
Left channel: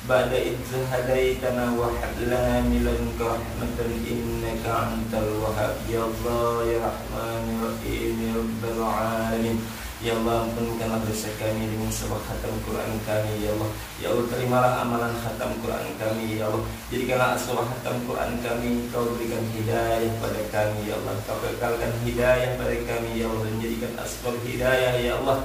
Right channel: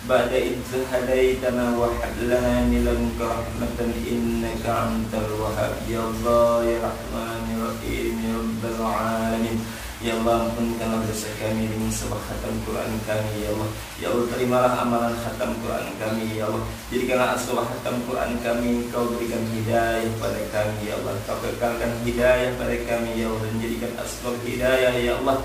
بعد إذ هديتنا وهب لنا من لدنك رحمة إنك أنت الوهاب. يا الله يا رحمن يا رحيم يا رب العالمين. Ya Allah, ampunkanlah dosa kami dengan sebab khatam Quran kami, ya Allah. Ya Allah, terimalah amalan khatam Quran kami, ya Allah. Jadikanlah asal khatam Quran kami, Kau berikan hidayah pada kami, ya Allah. Kau kekalkan hidayah pada kami, ya Allah. Dan jadikan asbab hidayah, ya Allah,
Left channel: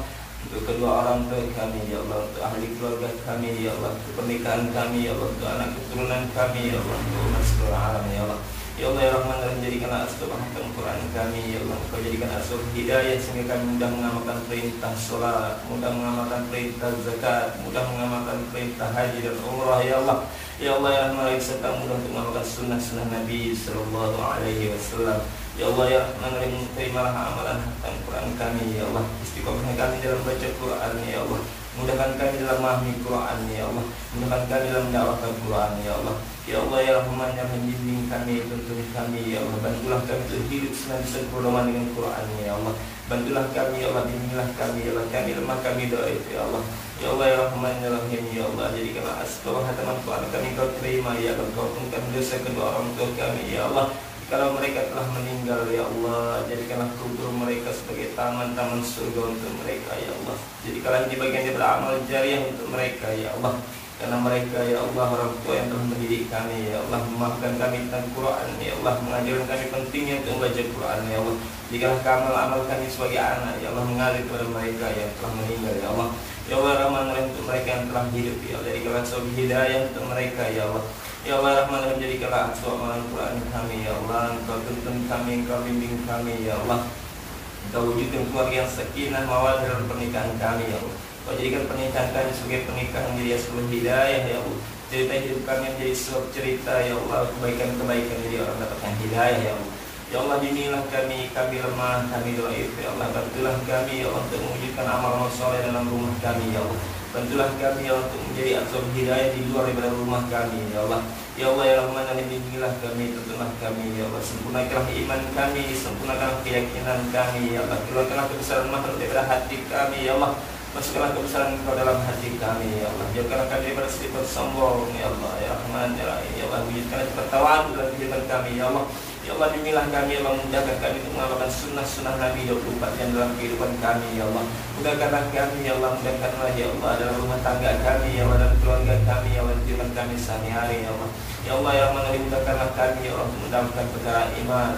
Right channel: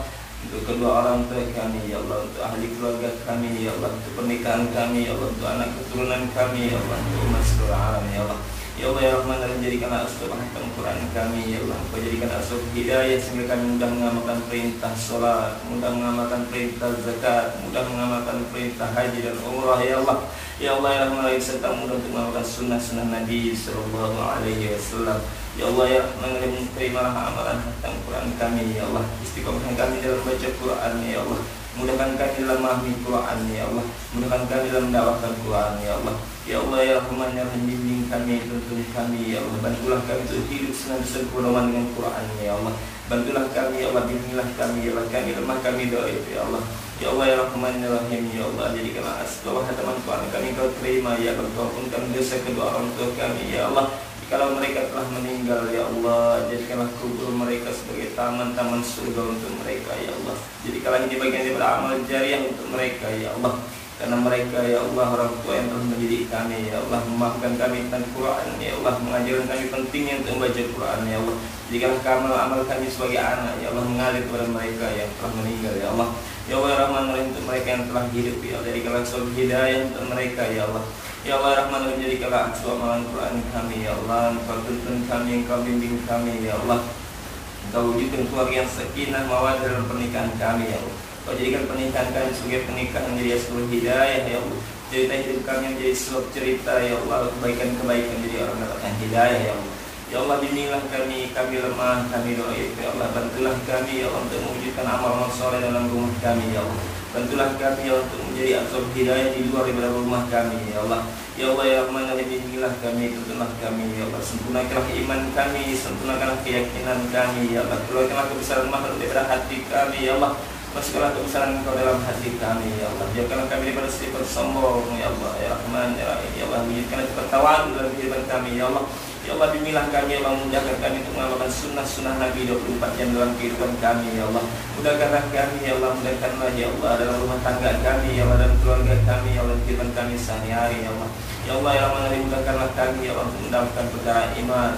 untuk kedua orang tua kami, ya Allah. Untuk ahli keluarga kami, ya Allah. Untuk pernikahan kami, ya Allah. Untuk anak keturunan kami, ya Allah. Untuk umat seluruh alam, ya Allah. Ya Allah ya Rahman, jadikanlah asbab khatam Quran kami, ya Allah. Kau jadikan asbab hidayah sehingga kami mudah mengamalkan perintah sholat, mudah mengamalkan perintah zakat, mudah mengamalkan perintah haji dan umrah, ya Allah. Ya Allah ya Rahman, serta mudah untuk mengamalkan sunnah-sunnah Nabi sallallahu alaihi wasallam. Ya Allah ya Rahman, terimalah amalan khatam Quran kami, ya Allah. Istiqomah kami dalam baca Quran, ya Allah. Mudahkan kami dalam memahami Quran, ya Allah. Mudahkan kami dalam mendakwakan Quran, ya Allah. Ya Allah ya Rahman, ya Rahim, bimbing kami, tuntun kami, ya Allah. Bantulah kami untuk hidup senantiasa berdoa dengan Quran, ya Allah. Bantulah kami, ya Allah. Bimbinglah kami, ya Allah. Kami lemah, kami doif, ya Allah. Ya Allah ya Rahman, ya Rahim, ya Allah. Jadikanlah asbab khataman Quran kami Kau terima, ya Allah. Kau ampunkan dosa kedua orang tua kami, ya Allah. Kalau mereka telah meninggal, ya Allah, jadikanlah kubur mereka sebagai taman-taman surga untuk mereka, ya Allah. Jadikanlah ini bagian daripada amal jariah untuk mereka, ya Allah. karena mereka ya Allah orang tua yang telah mendidik kami ya Allah, memaafkan kami tentang Quran ya Allah, mengajarkan kami pentingnya untuk membaca Quran ya Allah. Jikalau amal kami sebagai anak ya Allah mengalir kepada mereka yang telah meninggal ya Allah. Ya Allah Rahman Rahim, untuk mereka yang telah hidup ya Allah, jadikanlah sebab hidayah untuk mereka ya Allah. Ya Allah Rahman Rahim, jadikanlah aksu amalan Quran kami ya Allah. Engkau tuntun kami, Engkau bimbing kami ya Allah. Engkau wujudkan keluarga yang sakinah mawaddah dalam pernikahan kami ya Allah. Kau jadikan pernikahan kami sebagai pernikahan yang jadi asbab hidayah ya Allah. Cerita hidup kami yang jadi sebab cerita ya Allah, kebaikan-kebaikan jadi orang mendapatkan hidayah ya Allah. Ya Allah, bimbinglah kami lemah, kami dhaif ya Allah. Bantulah kami ya Allah untuk mewujudkan amal-amal soleh dalam rumah kami ya Allah. Bantulah kami ya Allah untuk menjadi asbab hidayah di luar daripada rumah kami ya Allah. Ya Allah ya Rahman Rahim, bimbinglah kami, tuntunlah kami ya Allah. Sempurnakanlah iman kami, sempurnakanlah keyakinan kami ya Allah. Keluarkanlah kebesaran makhluk daripada hati kami ya Allah. Masukkanlah kebesaran Engkau dalam hati kami ya Allah. Jauhkanlah kami daripada sifat sombong ya Allah ya Rahman ya Rahim ya Allah. Wujudkanlah sifat tawadhu dalam kehidupan kami ya Allah. Ya Allah, bimbinglah kami ya Allah, mudahkan kami untuk mengamalkan sunnah-sunnah Nabi 24 jam dalam kehidupan kami ya Allah. Mudahkanlah kami ya Allah, mudahkanlah ya Allah dalam rumah tangga kami ya Allah, dan keluarga kami ya Allah, kehidupan kami sehari-hari ya Allah. Ya Allah ya Rahman Rahim, mudahkanlah kami ya Allah untuk mendapatkan perkara iman,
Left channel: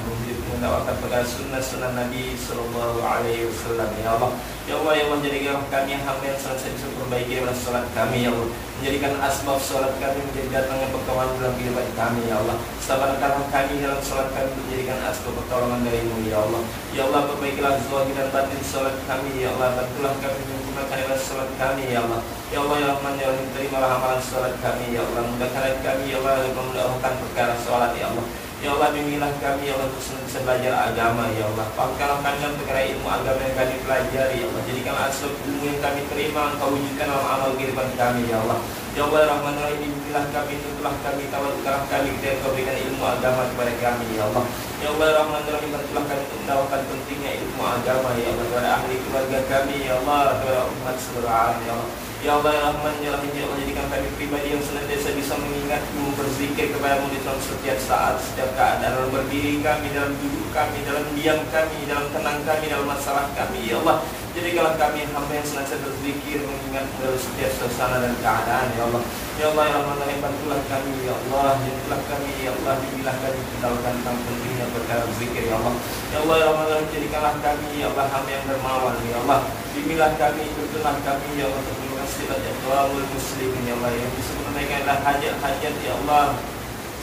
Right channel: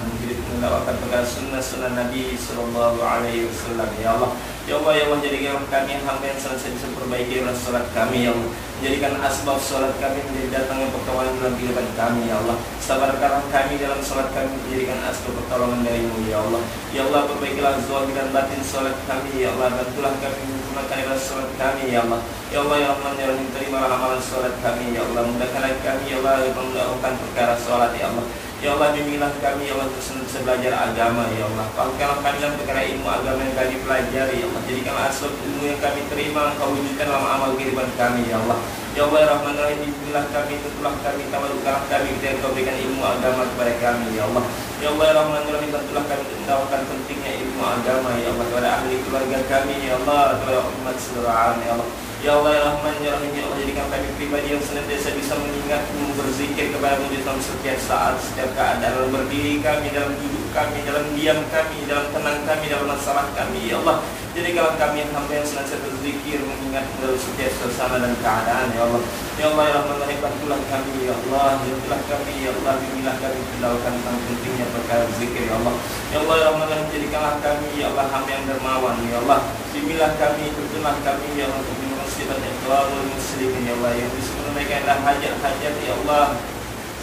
mendapatkan perkara sunnah-sunnah Nabi sallallahu alaihi wasallam ya Allah. Ya Allah ya Allah, jadikanlah kami hamba yang senantiasa bisa perbaiki dalam salat kami ya Allah. Menjadikan asbab salat kami menjadi datangnya pertolongan dalam kehidupan kami ya Allah. Sabarkanlah kami dalam salat kami, menjadikan asbab pertolongan darimu ya Allah. Ya Allah, perbaikilah zahir dan batin salat kami ya Allah. Bantulah kami menyempurnakan ibadah salat kami ya Allah. Ya Allah ya Rahman ya Rahim, terimalah amalan salat kami ya Allah. Mudahkanlah kami ya Allah untuk memudahkan perkara salat ya Allah. Ya Allah, bimbinglah kami ya Allah untuk senantiasa belajar agama ya Allah. Pahamkanlah kami dalam perkara ilmu agama yang kami pelajari ya Allah. Jadikanlah asbab ilmu yang kami terima Engkau wujudkan dalam amal kehidupan kami ya Allah. Ya Allah ya Rahman Rahim, bimbinglah kami, tuntunlah kami, tawadukkanlah kami ketika Engkau berikan ilmu agama kepada kami ya Allah. Ya Allah ya Rahman Rahim, bantulah kami untuk mendapatkan pentingnya ilmu agama ya Allah kepada ahli keluarga kami ya Allah, kepada umat seluruh alam ya Allah. Ya Allah ya Rahman ya Rahim ya Allah, jadikan kami pribadi yang senantiasa bisa mengingatmu, berzikir kepadamu di dalam setiap saat, setiap keadaan, dalam berdiri kami, dalam duduk kami, dalam diam kami, dalam tenang kami, dalam masalah kami ya Allah. Jadikanlah kami hamba yang senantiasa berzikir, mengingatmu dalam setiap suasana dan keadaan ya Allah. Ya Allah ya Rahman Rahim, bantulah kami ya Allah, bantulah kami ya Allah, bimbinglah kami kendalkan tentang pentingnya perkara zikir ya Allah. Ya Allah ya Rahman Rahim, jadikanlah kami ya Allah hamba yang dermawan ya Allah. Bimbinglah kami, tuntunlah kami ya Allah, untuk sifat ikhwanul muslimin ya Allah, yang bisa menunaikanlah hajat-hajat ya Allah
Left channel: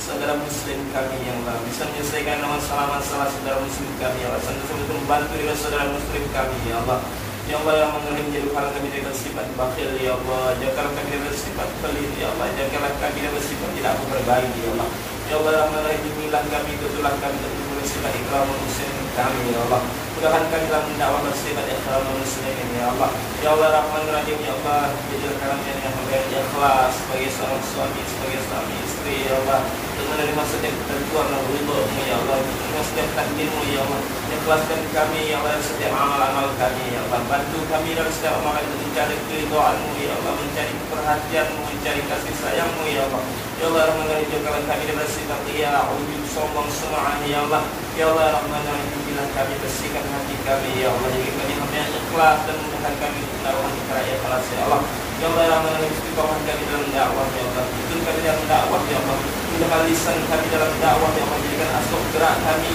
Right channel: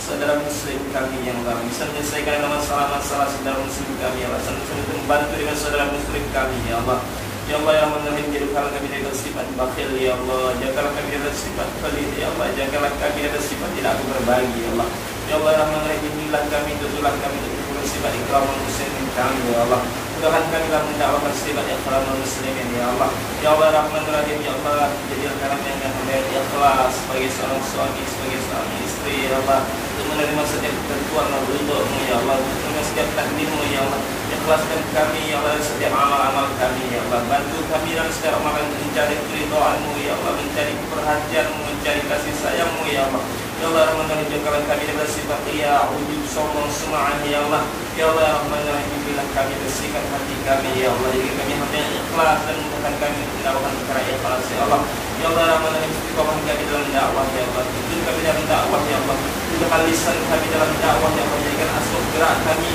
saudara muslim kami yang Allah, bisa menyelesaikan masalah-masalah saudara muslim kami ya Allah, senantiasa membantu dengan saudara muslim kami ya Allah. Ya Allah ya Rahman Rahim, jadikanlah kami dari sifat bakhil ya Allah, jagalah kami dari sifat pelit ya Allah, jagalah kami dari sifat tidak berbagi ya Allah. Ya Allah ya Rahman Rahim, bimbinglah kami, tuntunlah kami untuk sifat ikhwanul muslimin kami ya Allah. Mudahkan kami dalam mendakwahkan sifat ikhwanul muslimin ya Allah. Ya Allah Rahman Rahim ya Allah, jadilah kami yang hamba yang ikhlas sebagai seorang suami, sebagai suami istri ya Allah, untuk menerima setiap ketentuan dan ridho-Mu ya Allah, untuk menerima setiap takdir-Mu ya Allah. Ikhlaskan kami ya Allah setiap amal-amal kami ya Allah. Bantu kami dalam setiap amalan untuk mencari keridhaan-Mu ya Allah, mencari perhatian-Mu, mencari kasih sayang-Mu ya Allah. Ya Allah Rahman Rahim, jauhkanlah kami dari sifat riya, ujub, sombong, sum'ah ya Allah. Ya Allah Rahman Rahim, bimbinglah kami, bersihkan hati kami ya Allah, jadikan kami hamba yang ikhlas dan mudahkan kami untuk melakukan perkara ikhlas ya Allah. Ya Allah Rahman Rahim, istiqomah kami dalam dakwah ya Allah, tuntun kami dalam dakwah ya Allah, mudahkan lisan kami dalam dakwah ya Allah, jadikan asbab gerak kami,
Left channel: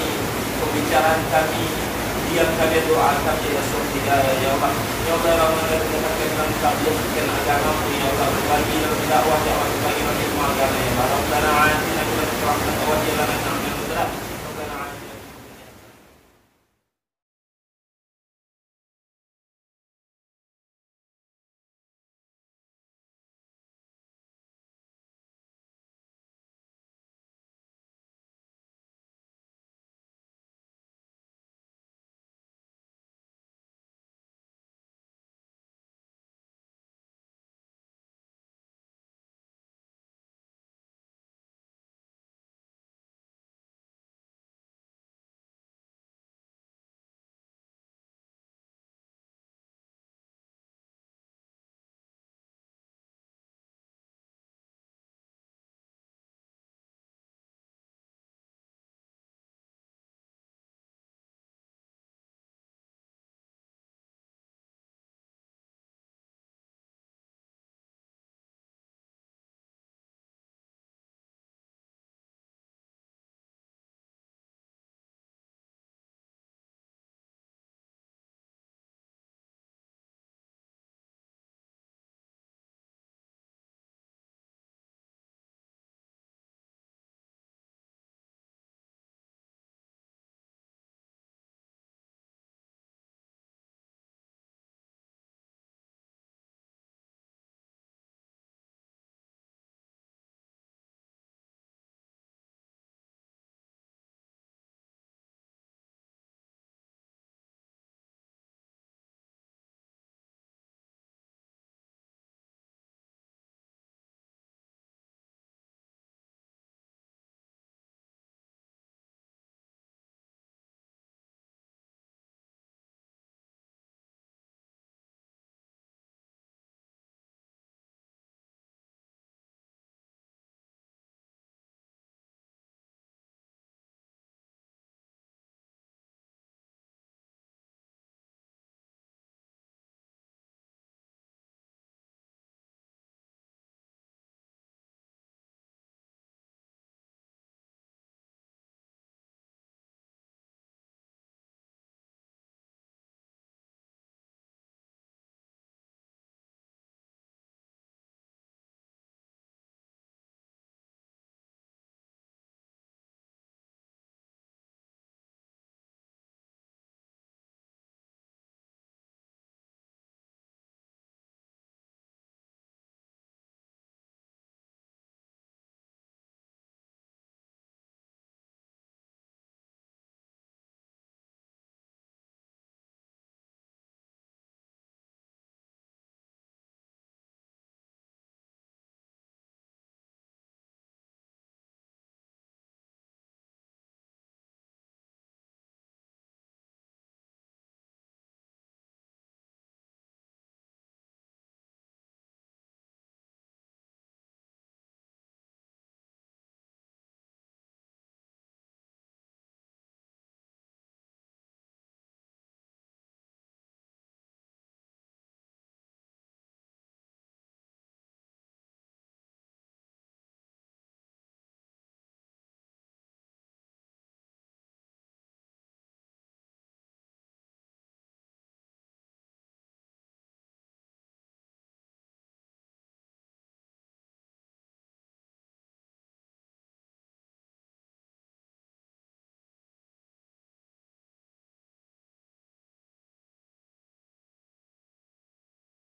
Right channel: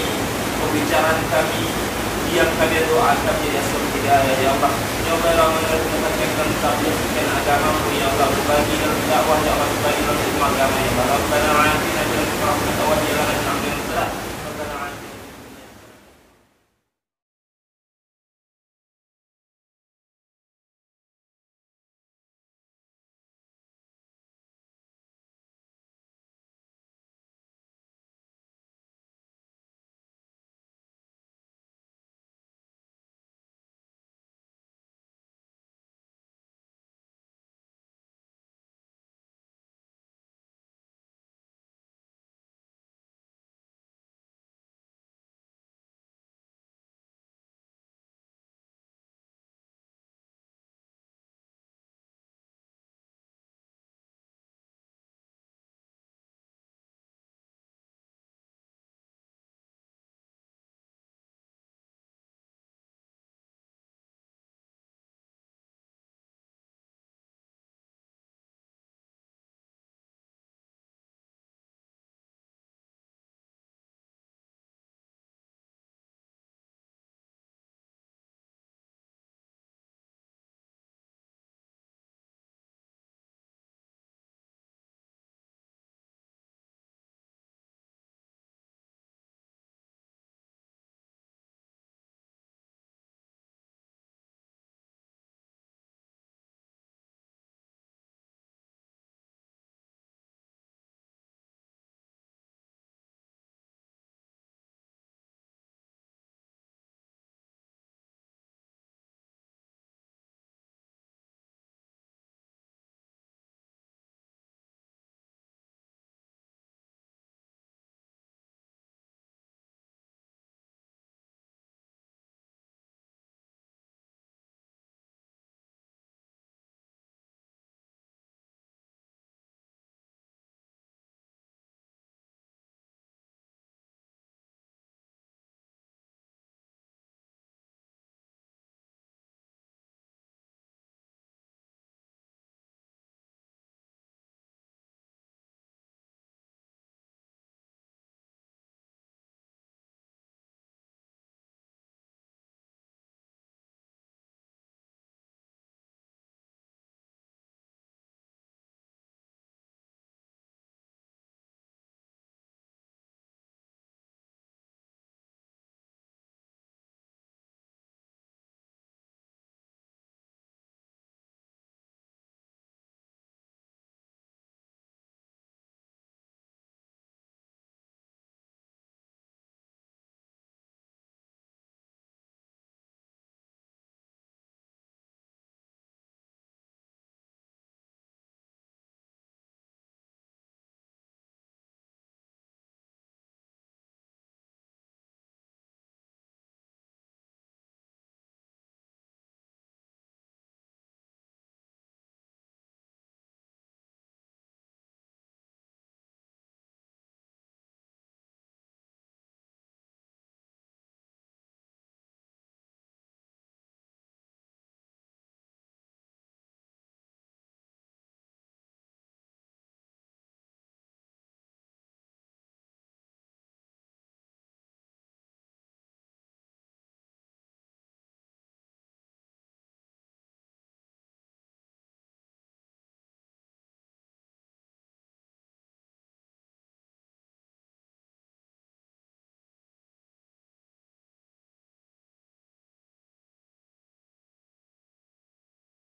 pembicaraan kami, diam kami, doa kami jadi asbab hidayah ya Allah. Ya Allah Rahman Rahim, mudahkan kami dalam tabligh agama-Mu ya Allah, berbagi dalam dakwah ya Allah, berbagi dalam ilmu agama ya Allah. Rabbana atina fid dunya hasanah wa qina adzabannar.